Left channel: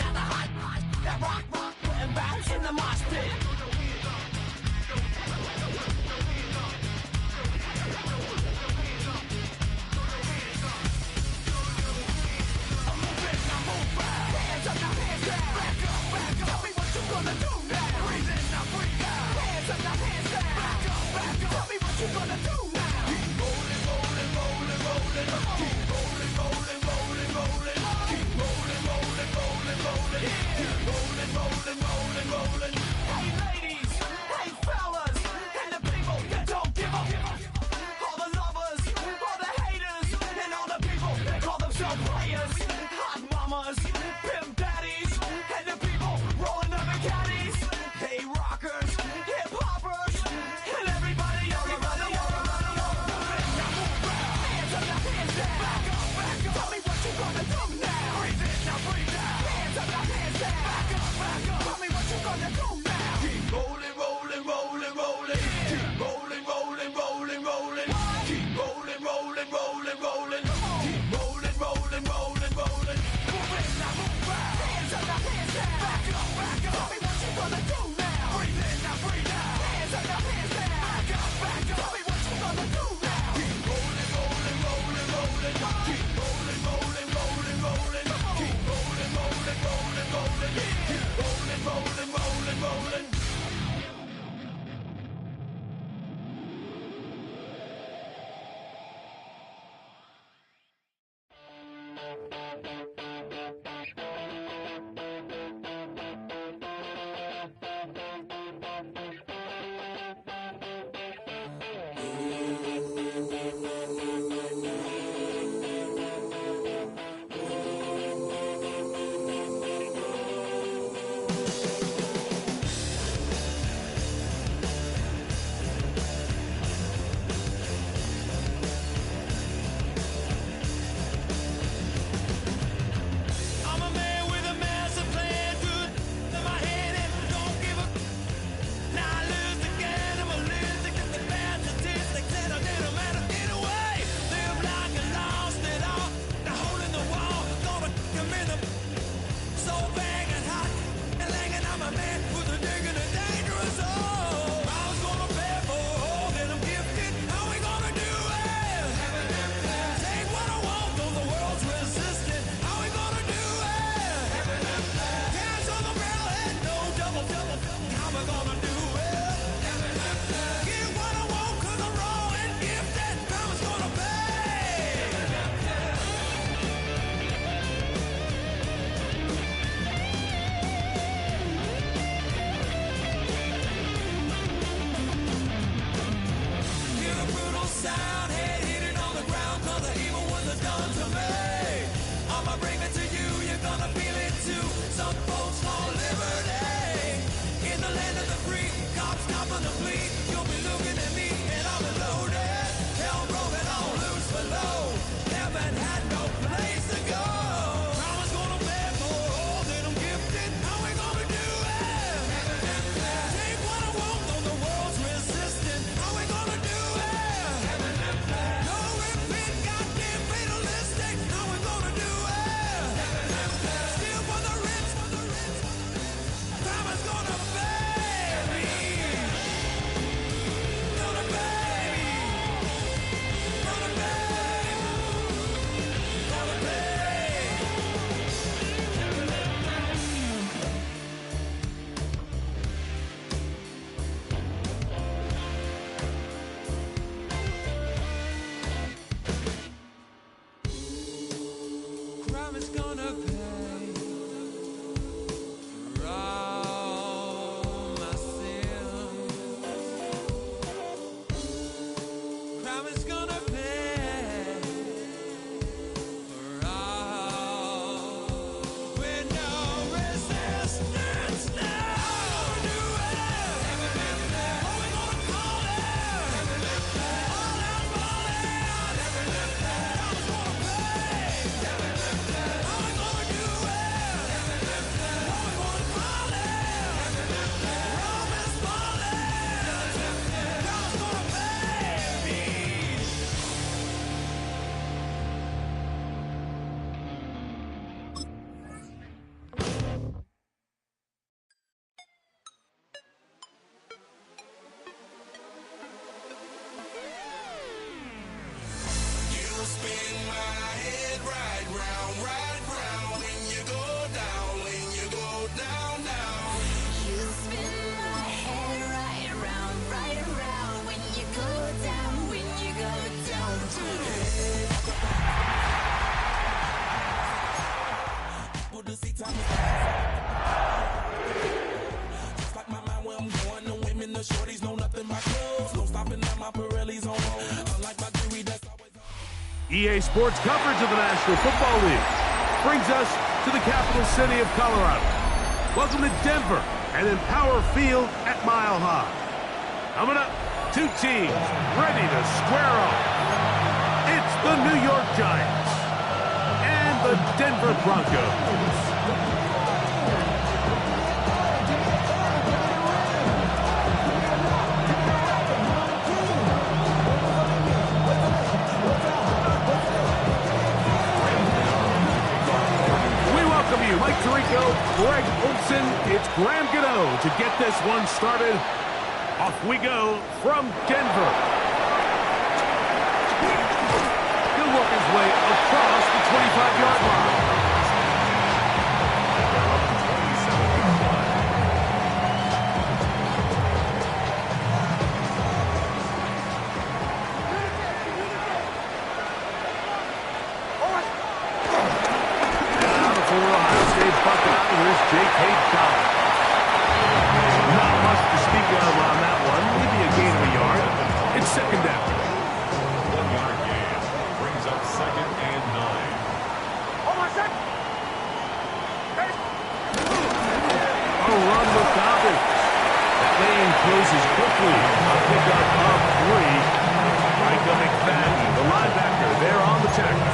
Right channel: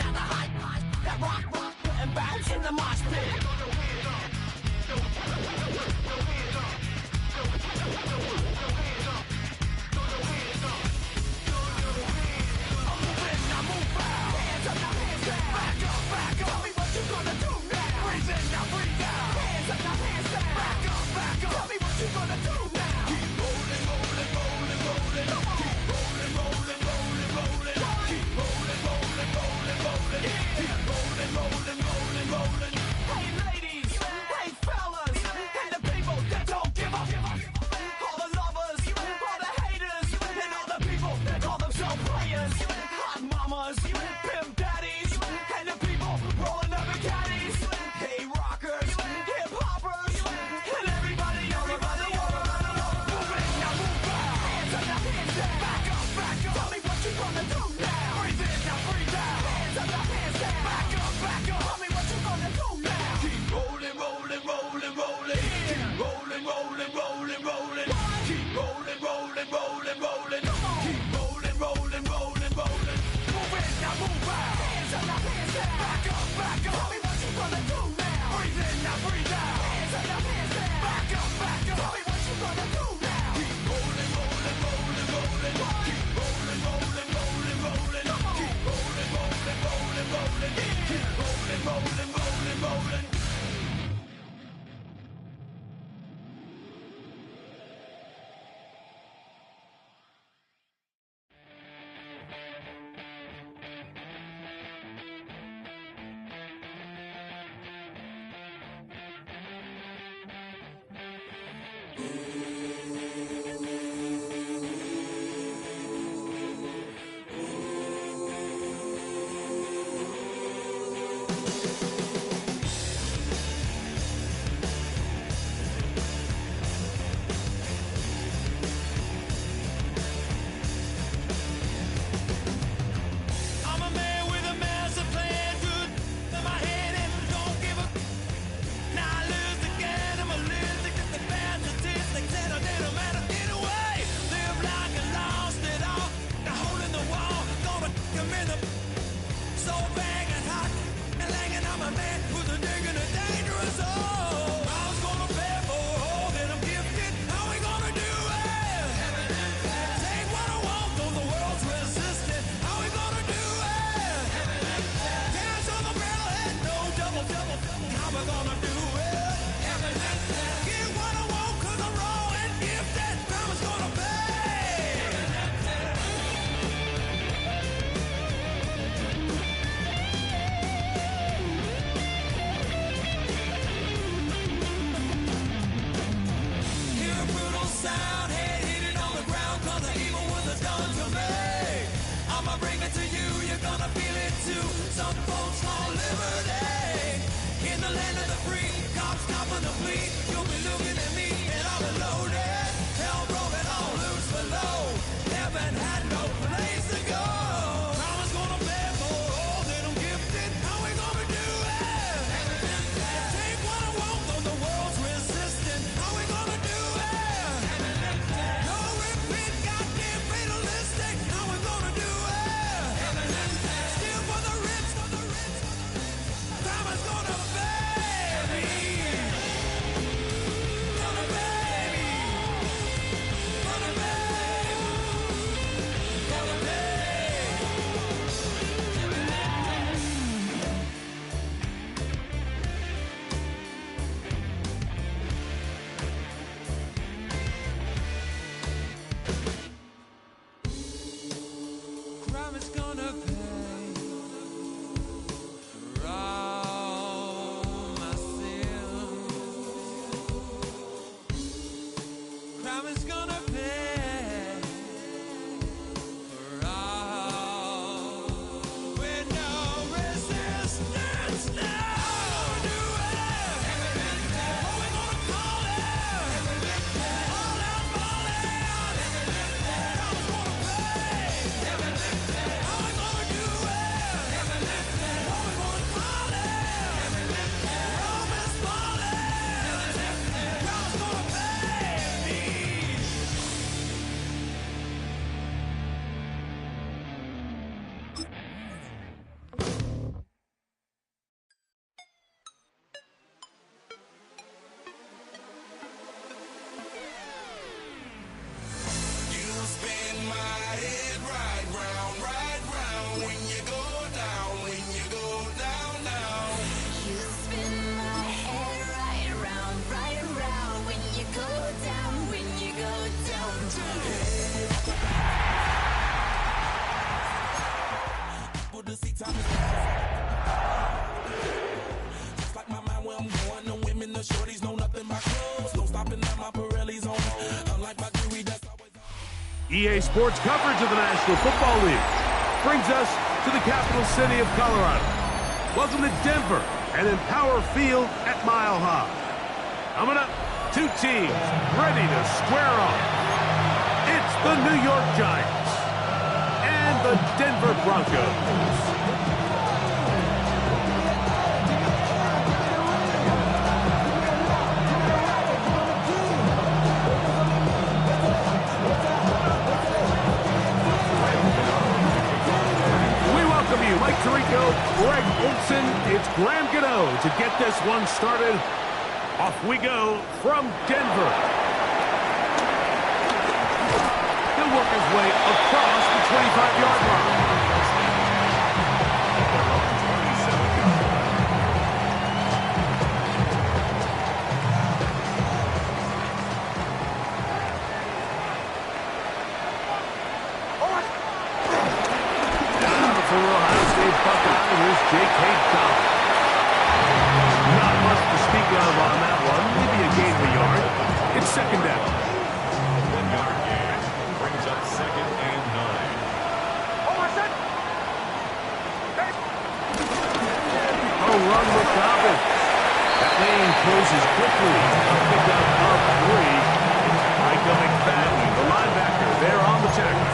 out the hot, that rock, and bounce in the mosh pit. Hands up, now hands down. Tell me what you gonna do now. Hands up, now hands down. Tell me what you gonna do now. Keep rolling, rolling, rolling, rolling. Keep rolling, rolling, rolling, rolling. Keep rolling, rolling, rolling, rolling. Keep rolling, rolling, rolling, rolling. Hey ladies, hey fellas, and the people that don't give up. All the lovers, all the haters, and all the people that call themselves players. Hot mamas, pimp daddies, and the people rolling up in caddies. Hey rockers, hip hoppers, and everybody all around the world. Hands up, now hands down. Tell me what you gonna do now. Hands up, now hands down. Tell me what you gonna do now. Keep rolling, rolling, rolling, rolling. Keep rolling, rolling, rolling, rolling. Keep rolling, rolling, rolling, rolling. Keep rolling, rolling, rolling, rolling. Move it, now move out. Hands up, now hands down. Tell me what you gonna do now. Breathe in, now breathe out. Hands up, now hands down. Tell me what you gonna do now. Keep rolling, rolling, rolling, rolling. Keep rolling, rolling, rolling, rolling. Keep rolling, rolling, rolling, rolling. Keep rolling, rolling, rolling, rolling. I'm a man with a massive plan, good in my head and don't give up. Now I lose again, I'm a losing at the bad statistics and it don't matter anyway. Live like I lost it all, now holding the wall, gonna come in the so bang and hot and langing. I'm a man who's a digging a dangerous hole. I was gonna pay for a hole that I'm gifted, how we gonna do it? Take what I want, though the world's resistant, how we gonna do it? Hands on the barrel head, no double, how we gonna do it? Get what I want, cause I'm raw and gifted, karma's gonna pay. Hear a brutal sound, head hitting on the ground, cause the evil ones are done to me. I'ma bring it to you, you're gonna feel it too. Some folks want liberty in the land of the free. Cops copping the plea, you'll be looking at me and I'll be loaded. Hell broken on loose below, heaven had no place to go. Karma's gonna pay for all that I'm gifted, how we gonna do it? Take what I want, though the world's resistant, how we gonna do it? No repeat, goddamn fatalistic, how we gonna do it? Steal for the rich, karma's gonna pay me. to see time is just like my mind where I'm going. The women, the shorties know nothing but clothes. No stopping at my Pirelli's on. Unlike my jewelry, that's always on. EA Sports coverage of the National Football League brings us to the capital city of Colorado. Welcome to Denver and Empower Field at Mile High. Coming up, two teams ready to square off. It's the New York Giants and the Denver Broncos. You, Mike Tirico, Greg Olson, it's Graham Gano to get this one started. Off we go from Denver. He'll work his way across the 25-yard line. Buckeye, here's J.K. Dobbins. Not much to speak of on that one. Maybe a gain of a yard. It's second down. 1 yard gain brings up 2nd and 9. A run with Dobbins. That lane closes quickly. A pickup of 3. Michael McFadden, the linebacker, there on the tackle.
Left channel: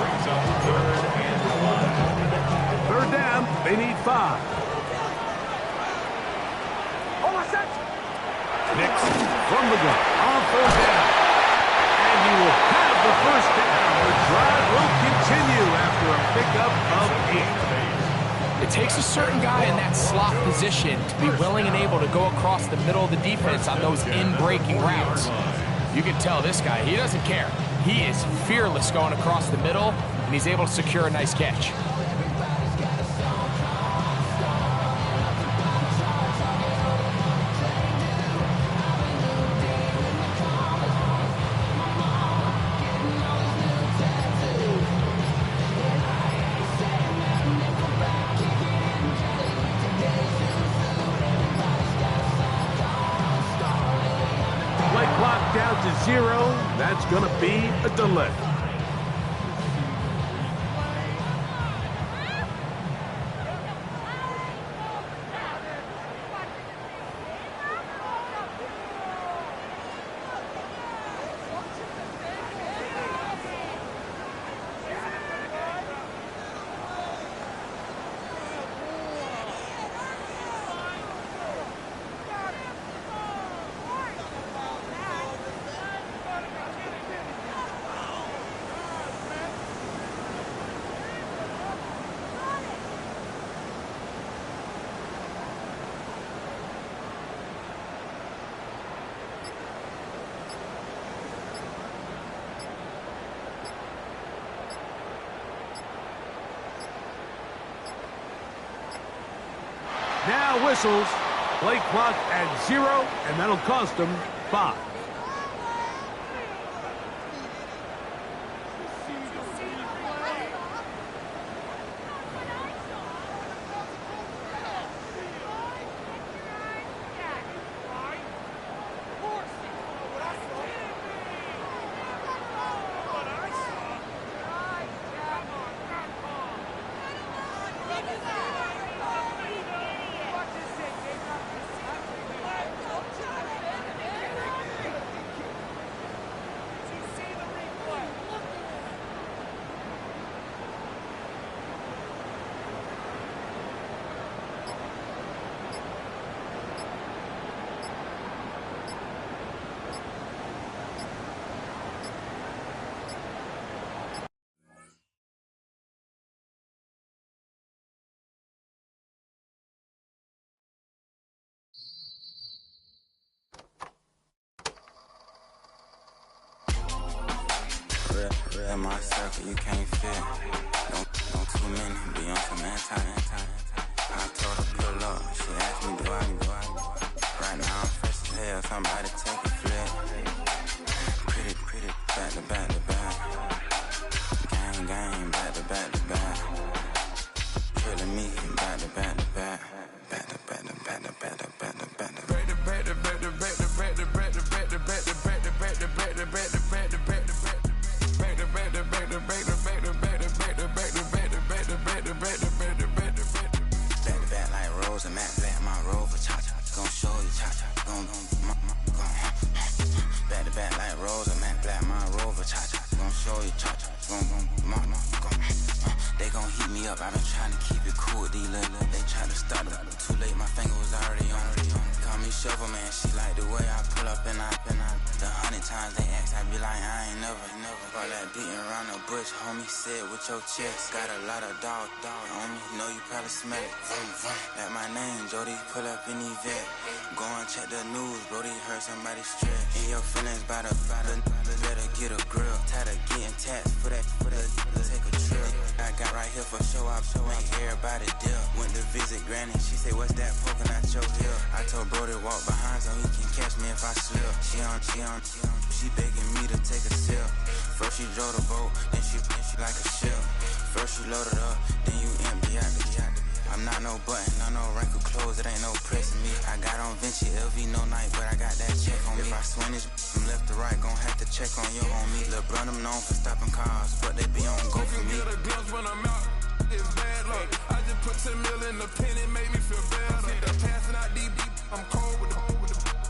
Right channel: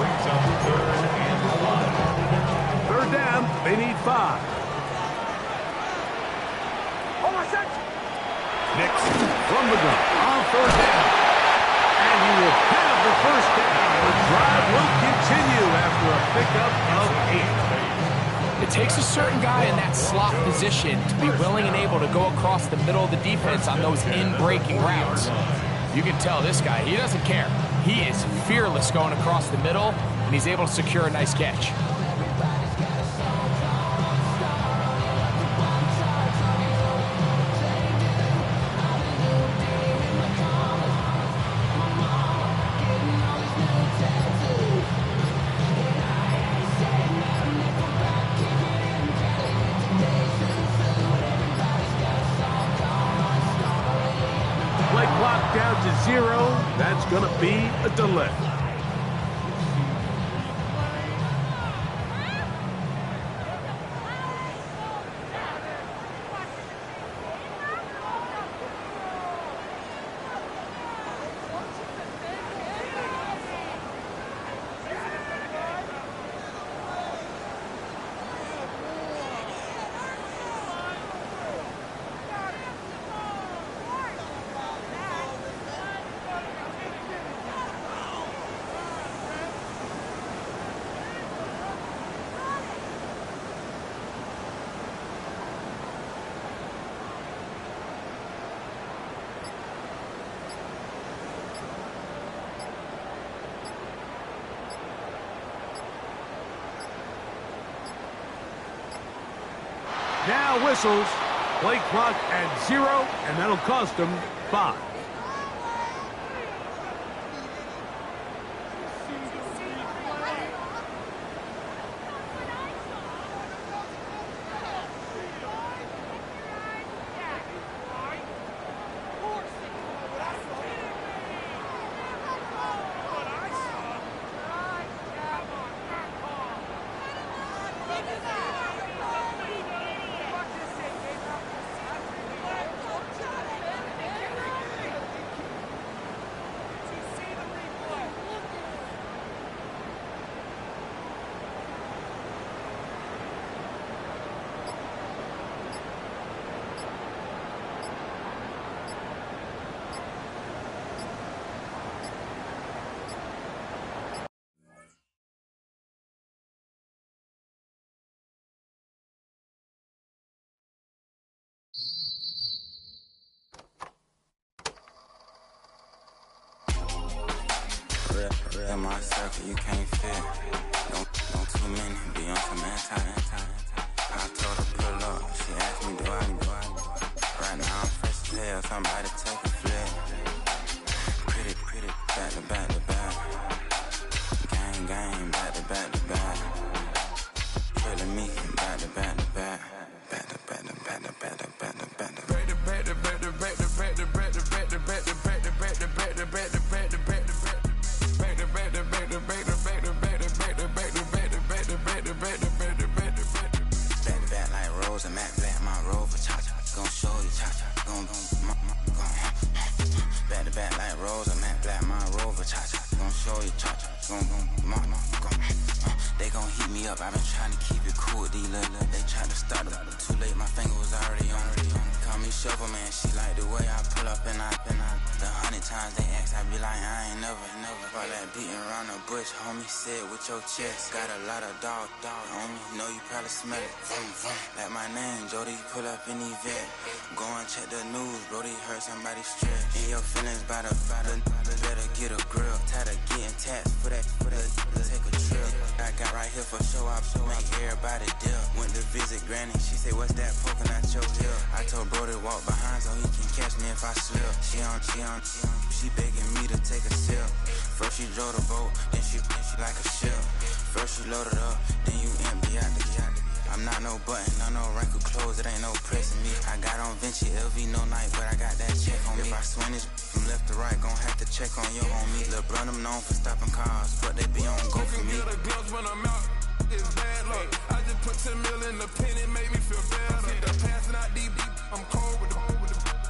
Brings up 3rd and 1. Third down, they need 5. Nixon from the gun on 3rd down. And he will have the first down. The drive will continue after a pickup of 8. It takes a certain guy in that slot position to be willing and able to go across the middle of the defense on those in-breaking routes. You can tell this guy, he doesn't care. He is fearless going across the middle, and he's able to secure a nice catch. Play clock down to 0. That's going to be a delay. Now whistles. Play clock at 0, and that'll cost them 5. In my circle, you can't fit. Don't too many be on some anti. I told her pull up. She asked me, do I? Right now I'm fresh as hell. Somebody take a flip. Pretty, back to back. Gang, back to back. They gon' heat me up, I've been trying to keep it cool with these little. They tried to start them, too late, my finger was already on. Call me Shovel Man, she like the way I pull up and I. The 100 times they ask, I be like, I ain't never. All that beating around the bush, homie said with your chest. Got a lot of dog on me, know you probably smell it. Like my name, Jody, pull up in the vet. Go and check the news, Brody, heard somebody stress. In your feelings by the better get a grill. Tired of getting taxed for that, take a trip. I got right here for show up, make everybody dip. Went to visit Granny, she say, what's that poking out your hip? I told Brody walk behind so he can catch me if I slip. She begging me to take a sip. First she drove the boat, then she like a ship. First you load it up, then you empty out the I'm not no button, no wrinkled clothes, it ain't no pressing me. I got on Vinci LV, no night, but I got that check on me. If I swing this from left to right, gon' have to check on your homie. Lil' Brun, I'm known for stopping cars, but they be on go for me. Get a glimpse when I'm out, it's bad luck. I just put 10 mil in the pen, it made me feel better. Passing out deep, I'm cold with the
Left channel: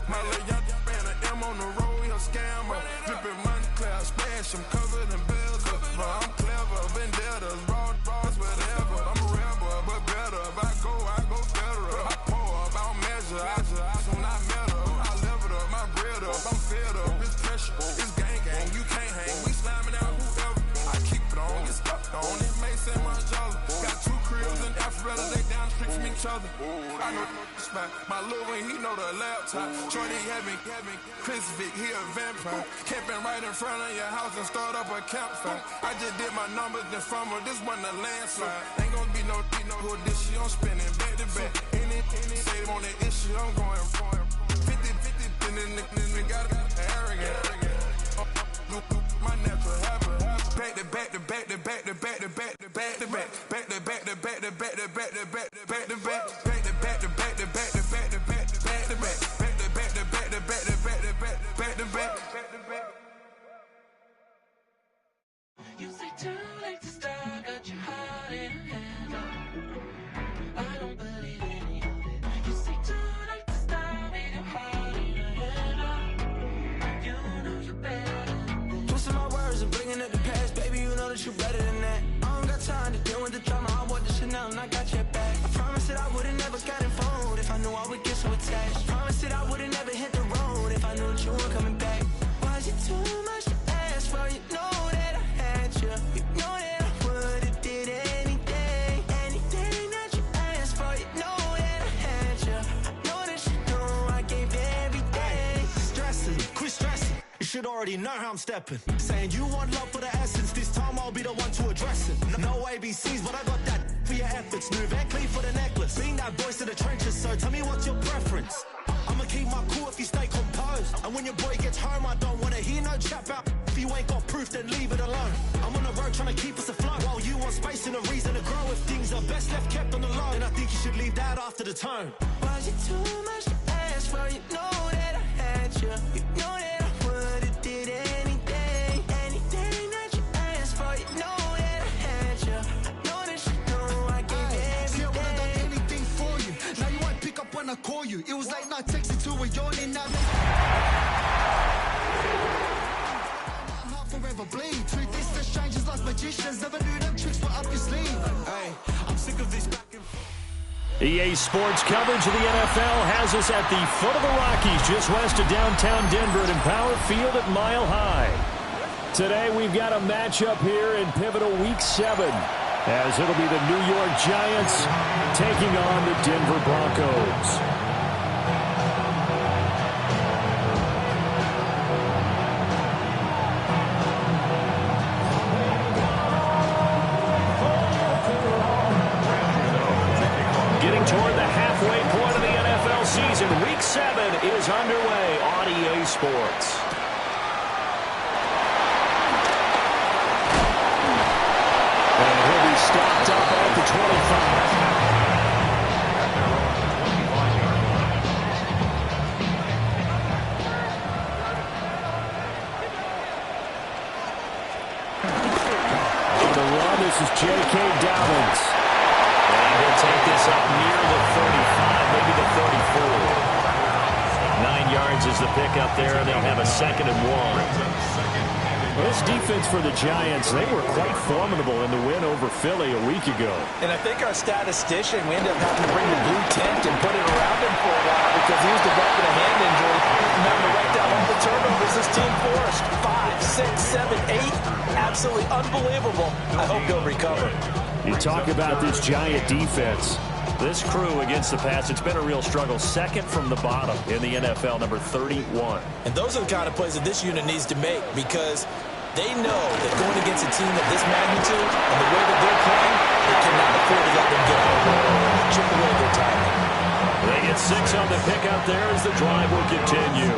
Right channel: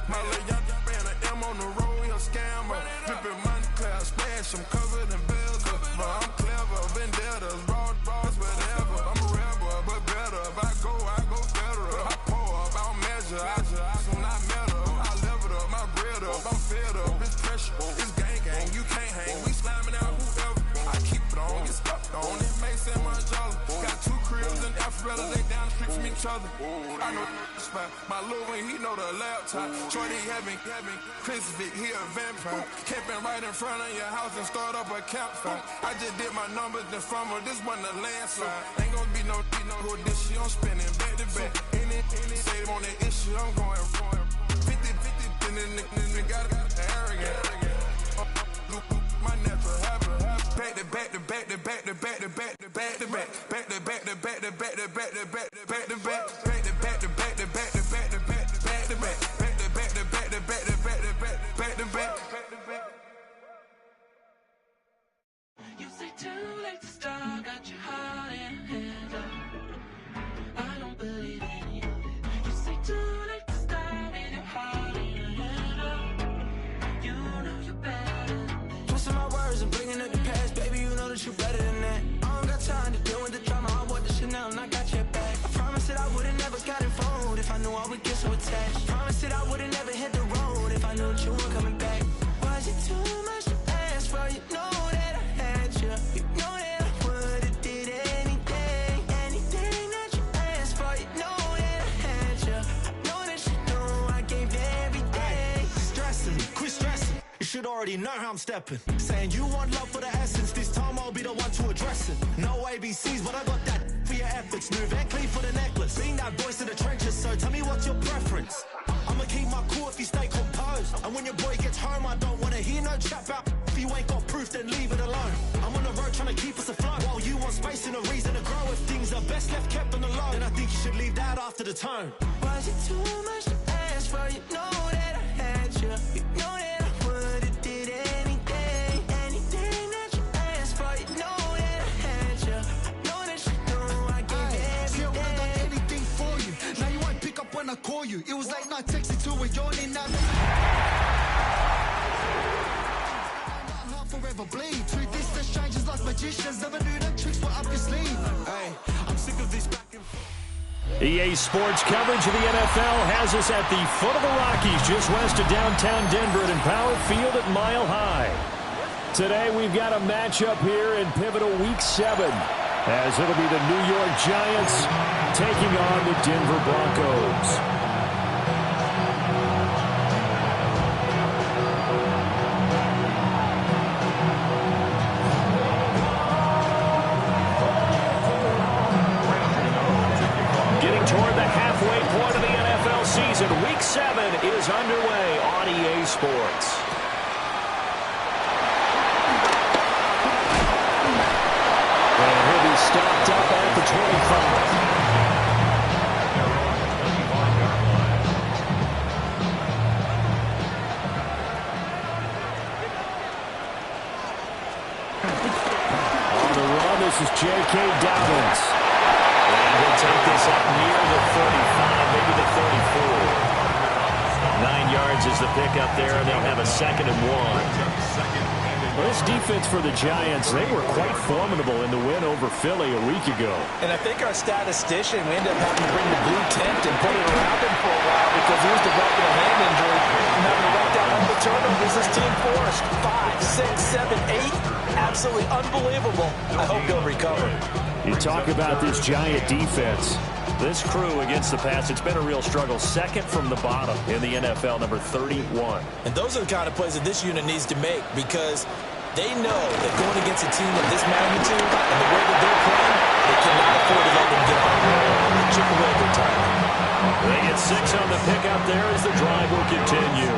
my little young ran an M on the road, he a scammer. Drippin' money, clear, splash, I'm covered in bells. But I'm clever, vendettas, raws, whatever. I'm a rebel, but better. If I go federal. I pour up, I don't measure. When I met her, I leveled up, my bread up. I'm fed up, it's pressure, it's gang, you can't hang. We slamming out whoever. I keep it on, get stuck on it. Mace and Margiela. Got 2 cribs in Alpharetta, they down the street from each other. I know the spot. My little one, he know the laptop. Shorty having Chris Vick, he a vampire. Camping right in front of your house and start up a campfire. I just did my numbers then from her, this wasn't a landslide. Ain't gonna be no who this shit, I'm spinning back to back. Any say they want that issue, I'm going 50, and then the got arrogant. My natural habit. Back to back to back to back to back to back to back to back back to back to back to back to back to back to back to back back to back to back to back to back to back to back to back back to back to back to back to back to back to back. You say too late to start, got your heart in hand. I don't believe any of it. You say too late to start, ain't your heart in hand. You know you're better than this. Twisting my words and bringing up the past, baby, you know that you're better than that. I don't got time to deal with the drama, I want the shit now and I got your back. I promised that I would've never gotten phoned if I knew I would get so attached. I promised that I would've never hit the road if I knew that you weren't coming back. Was it too much to ask for? You know that I had you. You know that I would've did anything that you asked for. You know that I had you. I know that you know I gave everything. Stressing, quit stressing. You should already know how I'm stepping. Saying you want love for the essence, this time I'll be the one to address it. No ABCs, but I got that for your efforts. New Van Cleef for the necklace. Being that voice in the trenches, so tell me what's your preference. I'ma keep my cool if you stay composed. And when your boy gets home, I don't wanna hear no chat about. If you ain't got proof, then leave it alone. I'm on the road trying to keep us afloat. While you want space and a reason to grow. If things are best left kept on the low, then I think you should leave that after the tone. Was it too much to ask for? You know that I had you. You know that I would've did anything that you asked for. You know that I had you. I know that you know I gave everything. See, I would've done anything for you. Now you won't pick up when I call you. It was late night texting till we're yawning now. Forever bleed. Truth is, the strangers like magicians. Never knew them tricks were up your sleeve. Hey, I'm sick of this back and forth. EA Sports coverage of the NFL has us at the foot of the Rockies, just west of downtown Denver at Empower Field at Mile High. Today we've got a matchup here in pivotal Week 7, as it'll be the New York Giants taking on the Denver Broncos. Getting toward the halfway point of the NFL season, Week 7 is underway on EA Sports. And he'll be stopped up at the 25. this is J.K. Dobbins. And he'll take this up near the 35, maybe the 34. 9 yards is the pickup there, and they'll have a 2nd and 1. Well, this defense for the Giants, they were quite formidable in the win over Philly a week ago. And I think our statistician, we ended up having to bring the blue tent and put it around him for a while because he was developing a hand injury and having to write down all the turnovers this team forced. 5, 6, 7, 8. Absolutely unbelievable. I hope he'll recover. You talk about this Giant defense. This crew against the pass, it's been a real struggle. 2nd from the bottom in the NFL, number 31. And those are the kind of plays that this unit needs to make because they know that going against a team of this magnitude and the way that they're playing, they cannot afford to let them get home and chip away their timing. They get 6 on the pickup there as the drive will continue.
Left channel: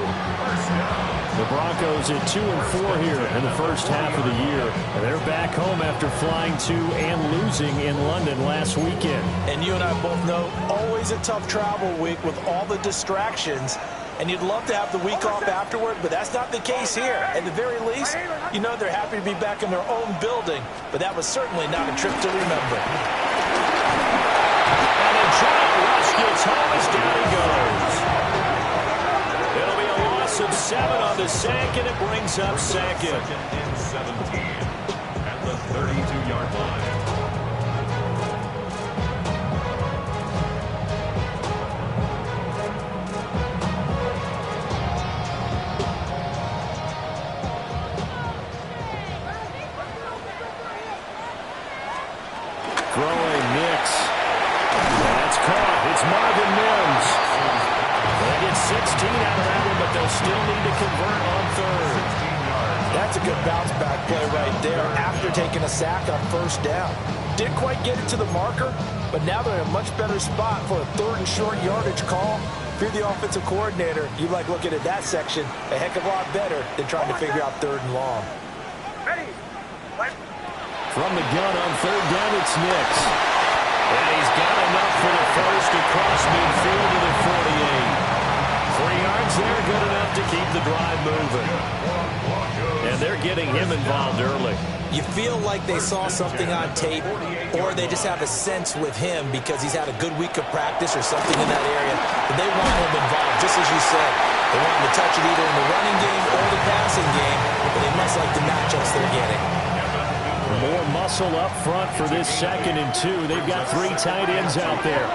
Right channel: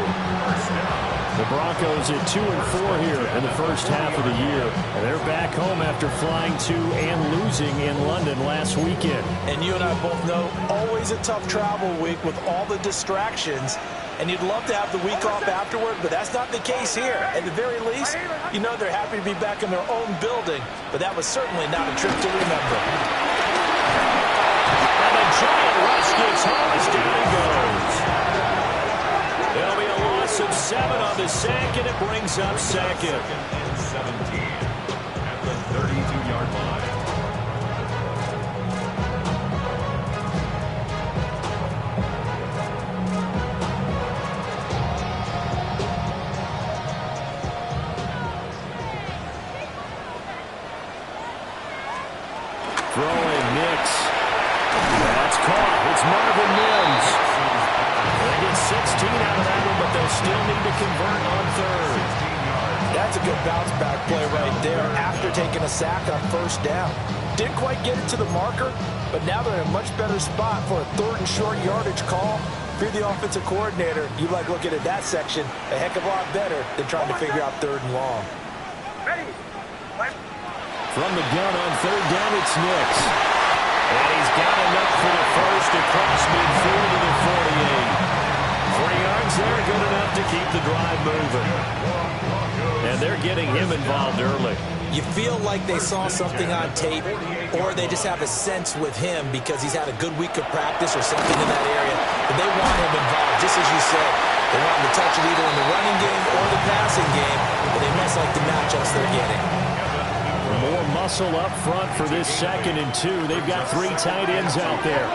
The Broncos at 2-4 here in the first half of the year. And they're back home after flying to and losing in London last weekend. And you and I both know, always a tough travel week with all the distractions. And you'd love to have the week off afterward, but that's not the case here. At the very least, you know they're happy to be back in their own building. But that was certainly not a trip to remember. And the Giant rush gets home as down he goes. It'll be a loss of 7 on the sack, and it brings up 2nd. 2nd and 17 at the 32-yard line. Throwing Nix. That's caught. It's Marvin Mims. They get 16 out of that one, but they'll still need to convert on 3rd. That's a good bounce back play right there after taking a sack on 1st down. Didn't quite get it to the marker, but now they're in a much better spot for a 3rd and short yardage call. If you're the offensive coordinator, you like looking at that section a heck of a lot better than trying to figure out 3rd and long. From the gun on 3rd down, it's Nix. And he's got enough for the first across midfield to the 48. 3 yards there, good enough to keep the drive moving. And they're getting him involved early. You feel like they saw something on tape, or they just have a sense with him because he's had a good week of practice or something in that area. But they want him involved, just as you said. They want him to touch it either in the running game or the passing game, but they must like the matchups they're getting. More muscle up front for this 2nd and 2. They've got 3 tight ends out there.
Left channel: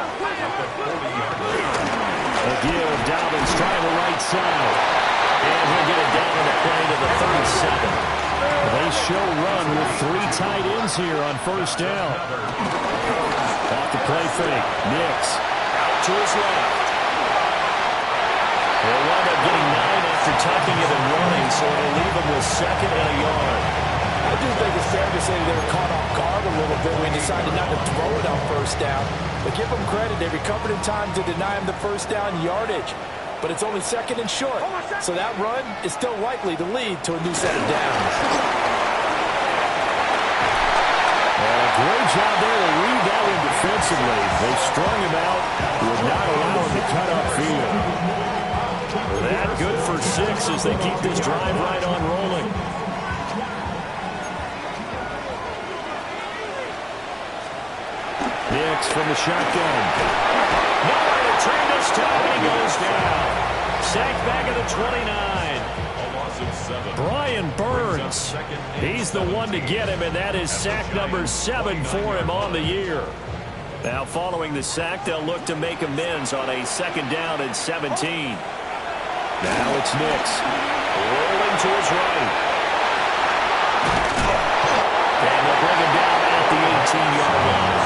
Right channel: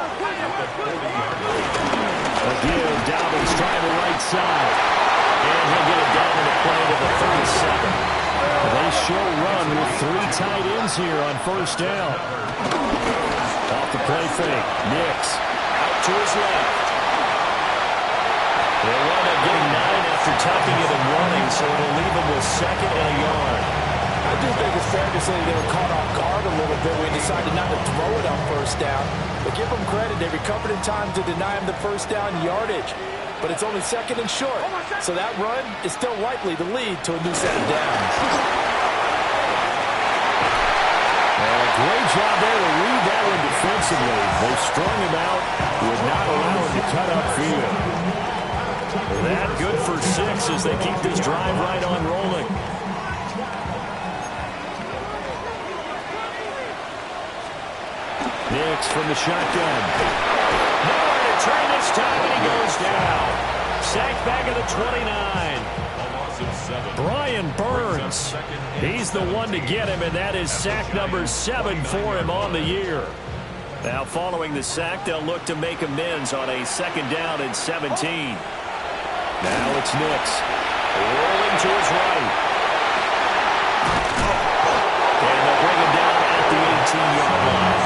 A give, Dobbins trying the right side. And he'll get it down in the play to the 37. They show run with 3 tight ends here on 1st down. Off the play fake, Nix Out to his left. They'll wind up getting 9 after tucking it and running, so it'll leave them with 2nd and a yard. I do think it's fair to say they were caught off guard a little bit when they decided not to throw it on 1st down. But give them credit, they recovered in time to deny him the 1st down yardage. But it's only 2nd and short, so that run is still likely to lead to a new set of downs. And a great job there to read that one defensively. They strung him out, would not allow him to cut upfield. That good for 6 as they keep this drive right on rolling. Nix from the shotgun. Nowhere to turn this time, and he goes down. Sacked back at the 29. A loss of 7. Brian Burns. He's the one to get him, and that is sack number 7 for him on the year. Now following the sack, they'll look to make amends on a 2nd down and 17. Now it's Nix. Rolling to his right. And they'll bring him down at the 18-yard line.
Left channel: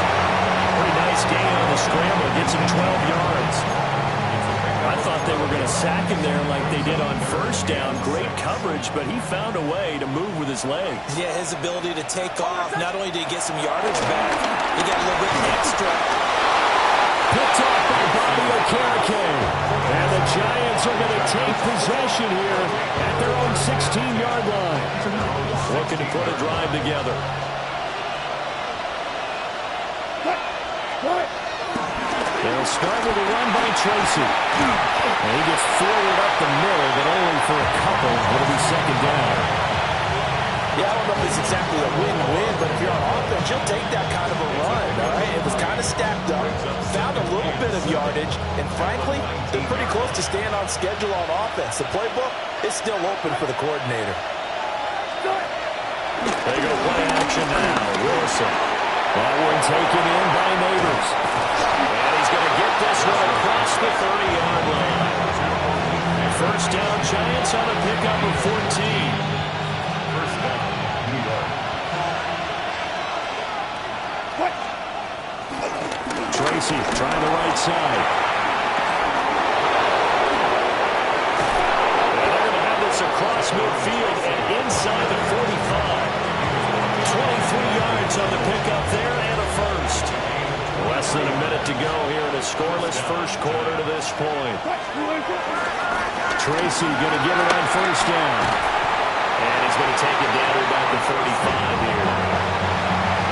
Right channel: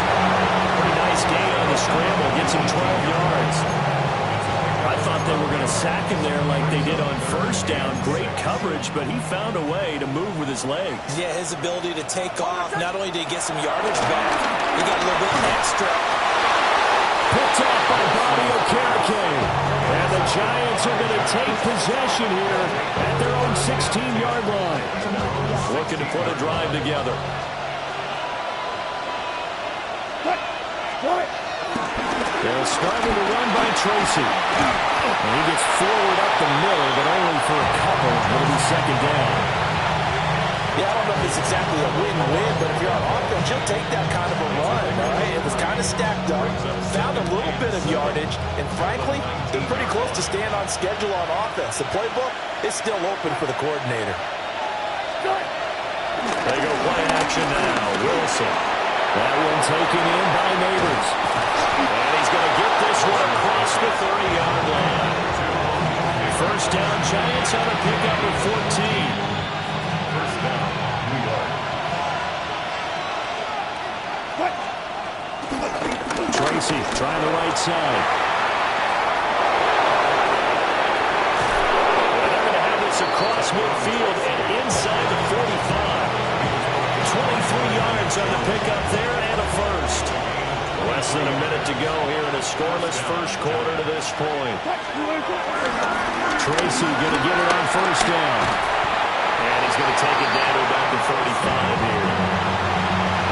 Pretty nice gain on the scramble. Gets him 12 yards. I thought they were going to sack him there like they did on 1st down. Great coverage, but he found a way to move with his legs. Yeah, his ability to take off. Not only did he get some yardage back, he got a little bit extra. Picked off by Bobby Okereke. And the Giants are going to take possession here at their own 16-yard line. Looking to put a drive together. They'll start with a run by Tracy. And he gets forward up the middle, but only for a couple. It'll be 2nd down. Yeah, I don't know if it's exactly a win-win, but if you're on offense, you'll take that kind of a run, all right? It was kind of stacked up, found a little bit of yardage, and frankly, they're pretty close to staying on schedule on offense. The playbook is still open for the coordinator. They go play action now. Wilson. That one taken in by Neighbors. And he's going to get this one across the 30-yard line. First down, Giants on a pickup of 14. First down, New York. Tracy trying the right side. And they're going to have this across midfield and inside the 45. 23 yards on the pickup there and a first. Less than a minute to go here in a scoreless first quarter to this point. Tracy going to get it on first down. And he's going to take it down to about the 35 here.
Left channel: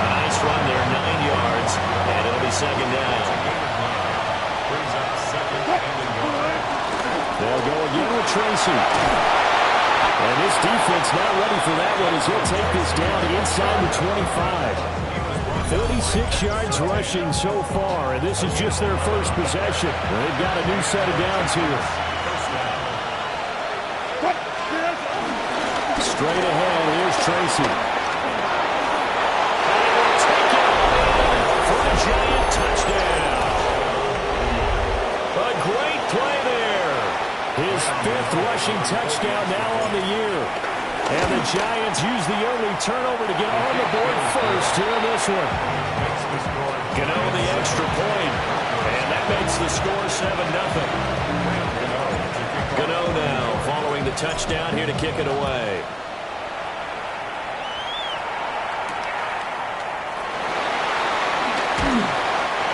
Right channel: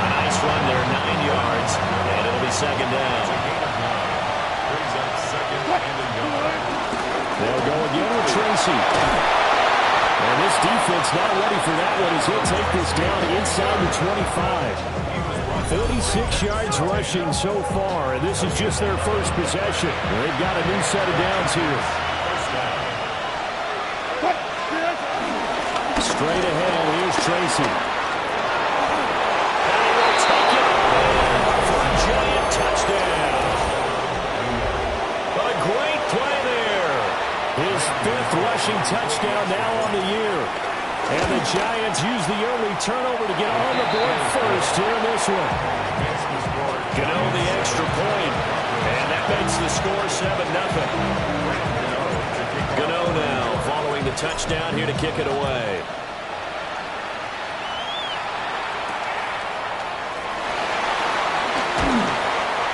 A nice run there, 9 yards, and it'll be second down. Brings up second and a yard. They'll go again with Tracy. And this defense not ready for that one as he'll take this down inside the 25. 46 yards rushing so far, and this is just their first possession. They've got a new set of downs here. Straight ahead, here's Tracy. And he will take it all in for a Giant touchdown. A great play there. His 5th rushing touchdown now on the year. And the Giants use the early turnover to get on the board first here in this one. Gano the extra point, and that makes the score 7-0. Gano now following the touchdown here to kick it away.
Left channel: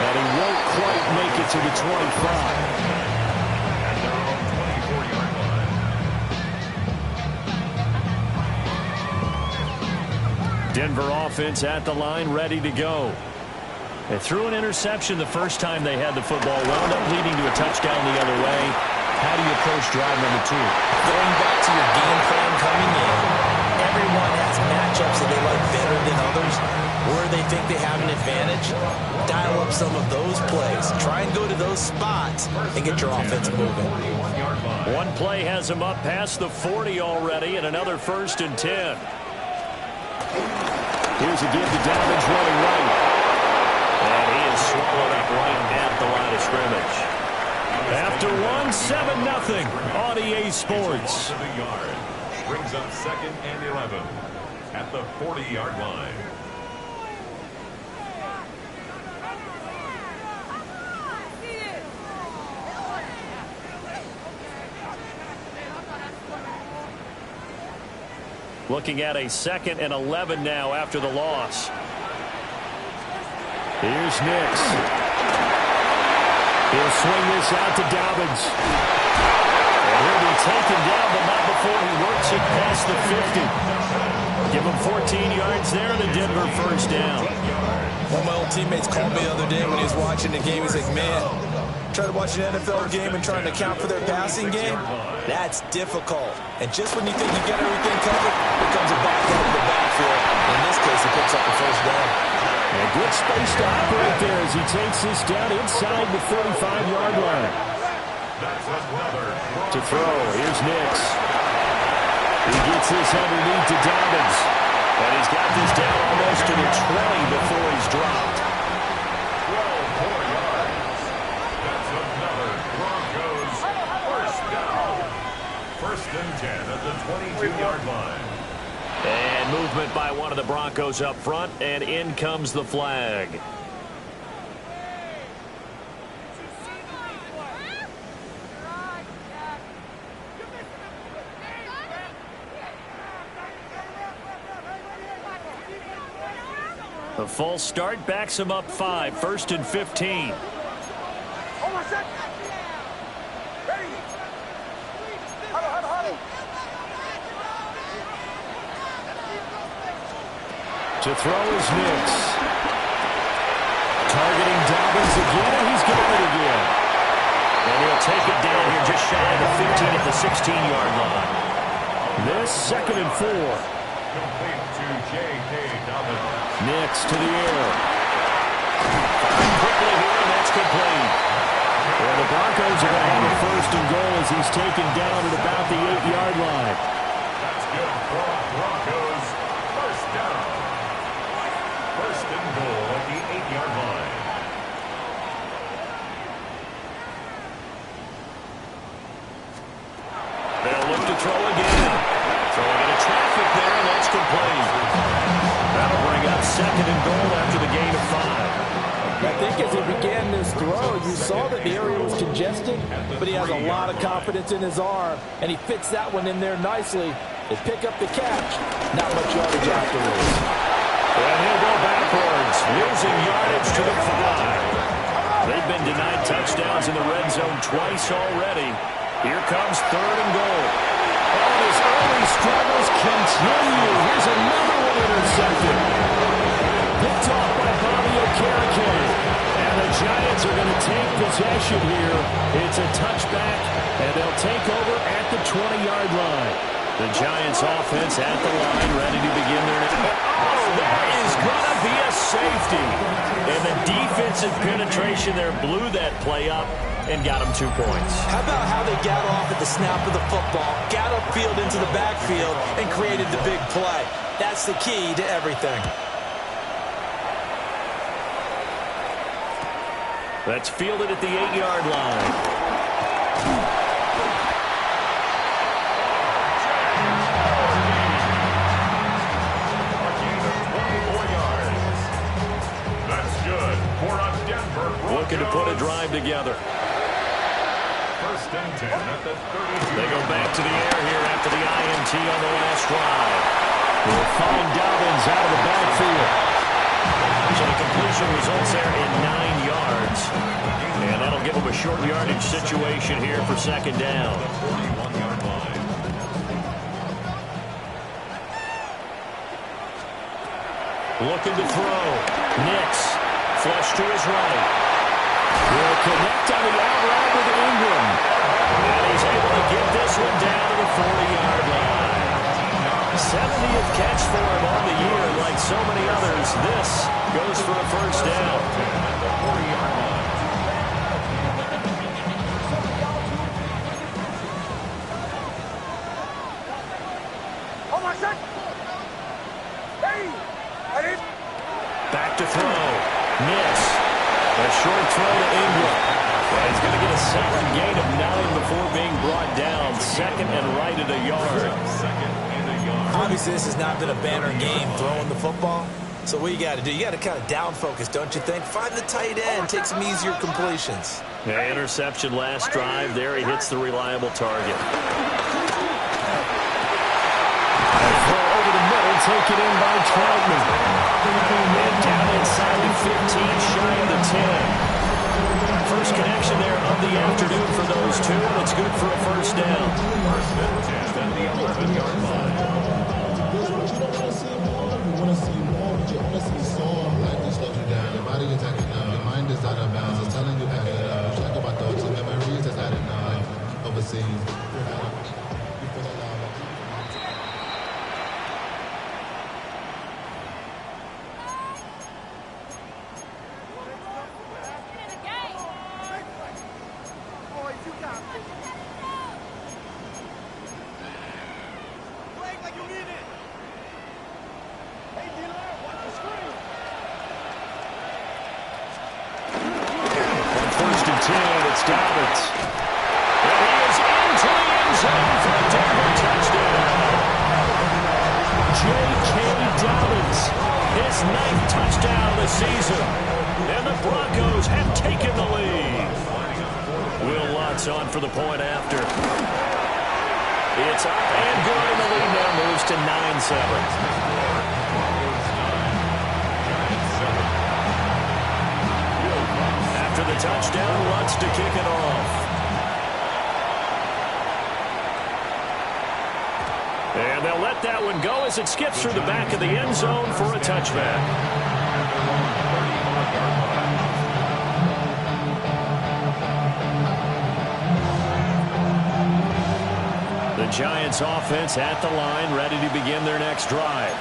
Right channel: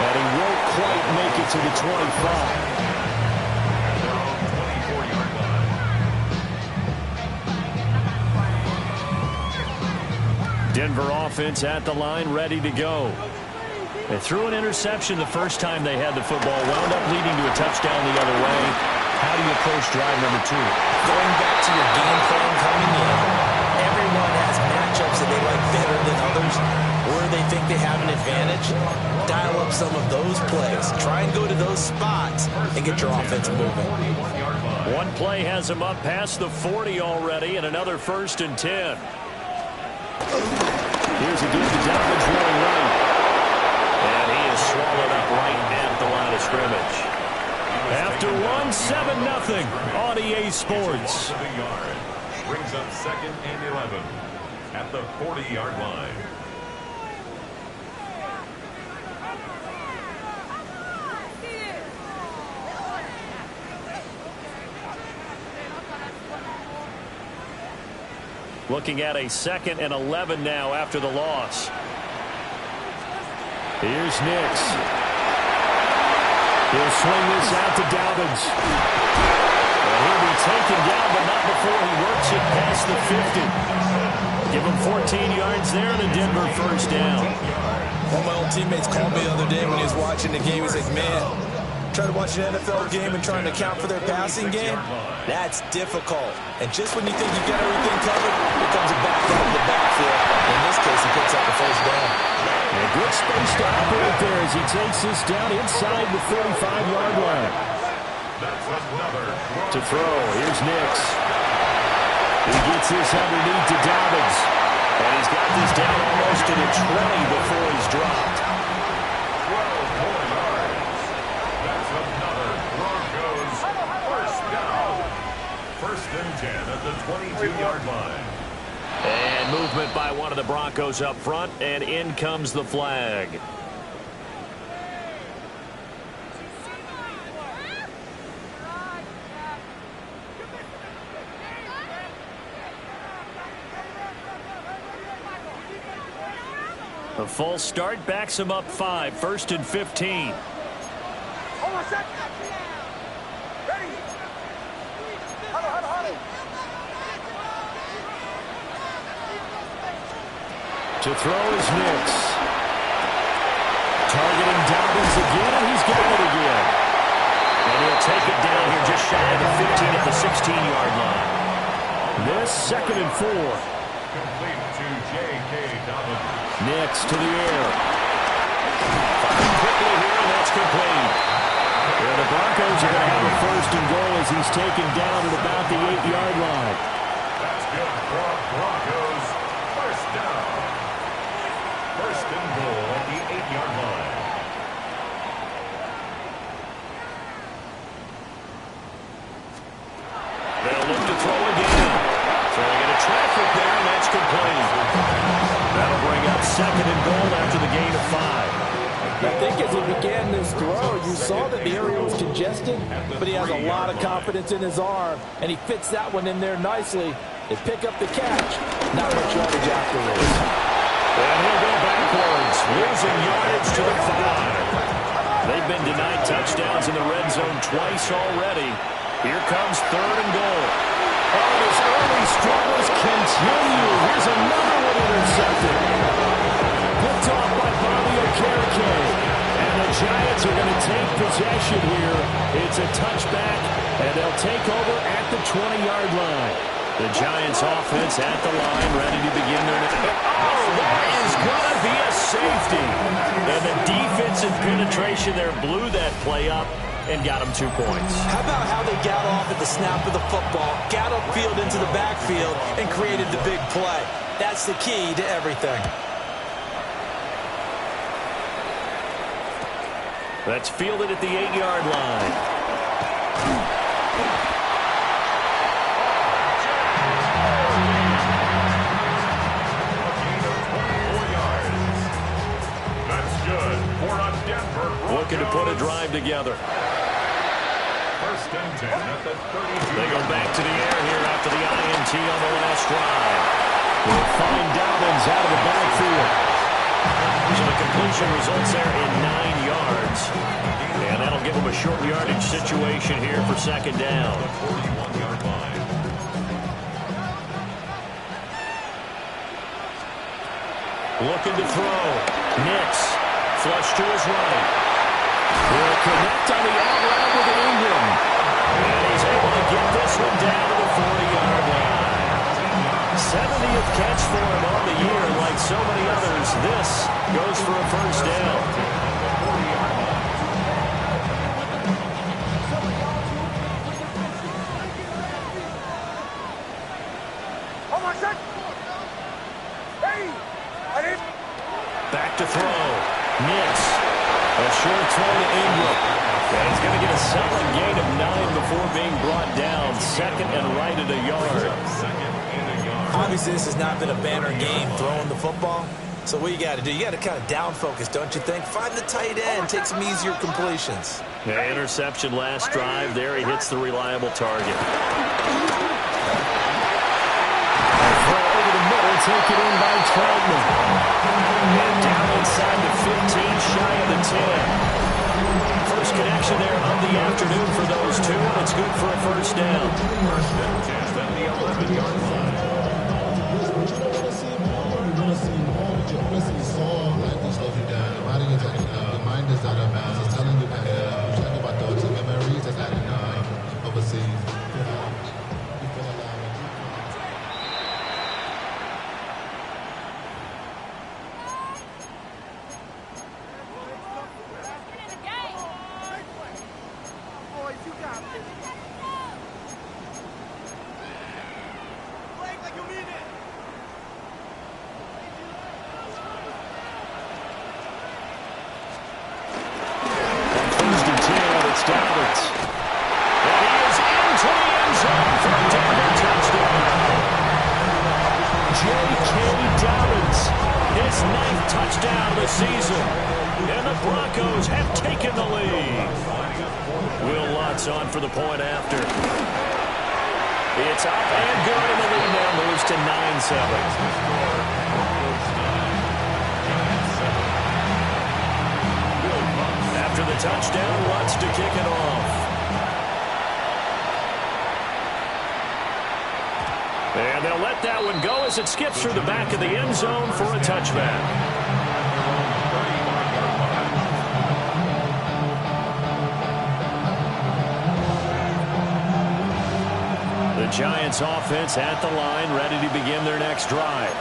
And he won't quite make it to the 25. Denver offense at the line, ready to go. They threw an interception the first time they had the football, wound up leading to a touchdown the other way. How do you approach drive number 2? Going back to your game plan coming in, everyone has matchups that they like better than others, where they think they have an advantage. Dial up some of those plays. Try and go to those spots and get your offense moving. One play has them up past the 40 already, and another 1st and 10. Here's a give to Dobbins running right. And he is swallowed up right at the line of scrimmage. After 7-0 on EA Sports. Brings up 2nd and 11 at the 40-yard line. Looking at a 2nd and 11 now after the loss. Here's Nix. He'll swing this out to Dobbins. And he'll be taken down, but not before he works it past the 50. Give him 14 yards there and a Denver first down. One of my old teammates called me the other day when he was watching the game. He's like, man, try to watch an NFL game and trying to account for their passing game? That's difficult. And just when you think you get everything covered, here comes a back out of the backfield. In this case, he picks up the first down. And good space to operate there as he takes this down inside the 35-yard line. To throw, here's Nix. He gets this underneath to Dobbins. And he's got this down almost to the 20 before he's dropped. 12 more yards. That's another Broncos first down. 1st and 10 at the 22-yard line. And movement by one of the Broncos up front, and in comes the flag. The false start backs him up 5, 1st and 15. To throw is Nix. Targeting Dobbins again, and he's got it again. And he'll take it down here just shy of the 15 at the 16-yard line. This 2nd and 4. Complete to J.K. Dobbins. Nix to the air. Firing quickly here, and that's complete. And the Broncos are going to have a first and goal as he's taken down at about the 8-yard line. That's good for a Broncos first down. First and goal at the 8-yard line. They'll look to throw again. Throwing into traffic there, and that's complete. That'll bring up second and goal after the gain of 5. I think as he began this throw, you saw that the area was congested, but he has a lot of confidence in his arm, and he fits that one in there nicely. They pick up the catch. Not much yardage afterwards. And he'll go backwards, losing yardage to the 5. They've been denied touchdowns in the red zone twice already. Here comes third and goal. Oh, and his early struggles continue. Here's another one intercepted. Picked off by Bobby Okereke. And the Giants are going to take possession here. It's a touchback, and they'll take over at the 20-yard line. The Giants offense at the line, ready to begin their next. Oh, that is going to be a safety. And the defensive penetration there blew that play up and got them 2 points. How about how they got off at the snap of the football, got upfield into the backfield, and created the big play? That's the key to everything. That's fielded at the 8-yard line. A gain of 24 yards. That's good for a Denver Broncos. Looking to put a drive together. First and 10 at the 32. They go back to the air here after the INT on the last drive. They'll find Dobbins out of the backfield. So the completion results there in 9 yards. And that'll give them a short yardage situation here for second down. The 41-yard line. Looking to throw. Nix. Flush to his right. Will connect on the out route with Ingram. And he's able to get this one down to the 40-yard line. 70th catch for him on the year. Like so many others, this goes for a first down. At the 40-yard line. Back to throw. Nix. A short throw to Ingram. And he's going to get a solid gain of 9 before being brought down. Second and right at a yard. Second and a yard. Obviously, this has not been a banner game throwing the football. So what you got to do, you got to kind of down focus, don't you think? Find the tight end, take some easier completions. Yeah, interception last drive. There he hits the reliable target. And throw over the middle, taken in by Troutman. And down inside the 15, shy of the 10. First connection there of the afternoon for those two, and it's good for a first down. First and 10 at the 11-yard line. But you don't want to see more. You want to see more, but you want to see some. Life just slows you down. Your body is acting up. Your mind is out of bounds. It's telling you back it up. You check about thoughts and memories that's adding up. Overseas. You feel alive. It's Dobbins. And he is into the end zone for a Denver touchdown. J.K. Dobbins, his 9th touchdown of the season. And the Broncos have taken the lead. Will Lutz on for the point after. It's up and good, and the lead now moves to 9-7. After the touchdown, Lutz to kick it off. And they'll let that one go as it skips through the back of the end zone for a touchback. The Giants offense at the line, ready to begin their next drive.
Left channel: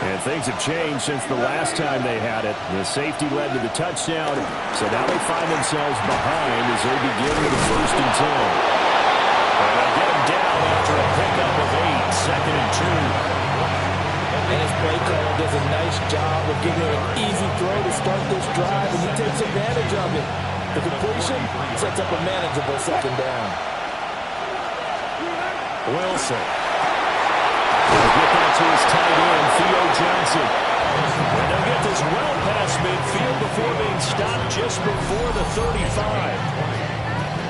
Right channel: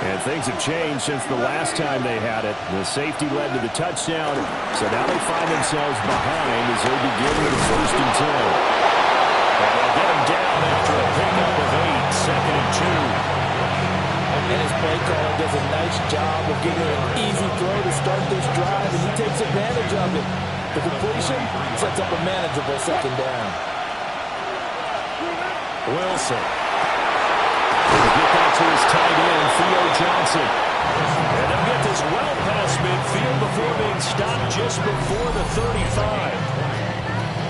And things have changed since the last time they had it. The safety led to the touchdown, so now they find themselves behind as they begin with a 1st and 10. And they'll get him down after a pickup of 8, 2nd and 2. And his play caller does a nice job of giving an easy throw to start this drive, and he takes advantage of it. The completion sets up a manageable 2nd down. Wilson. He'll get that to his tight end, Theo Johnson. And they'll get this well past midfield before being stopped just before the 35.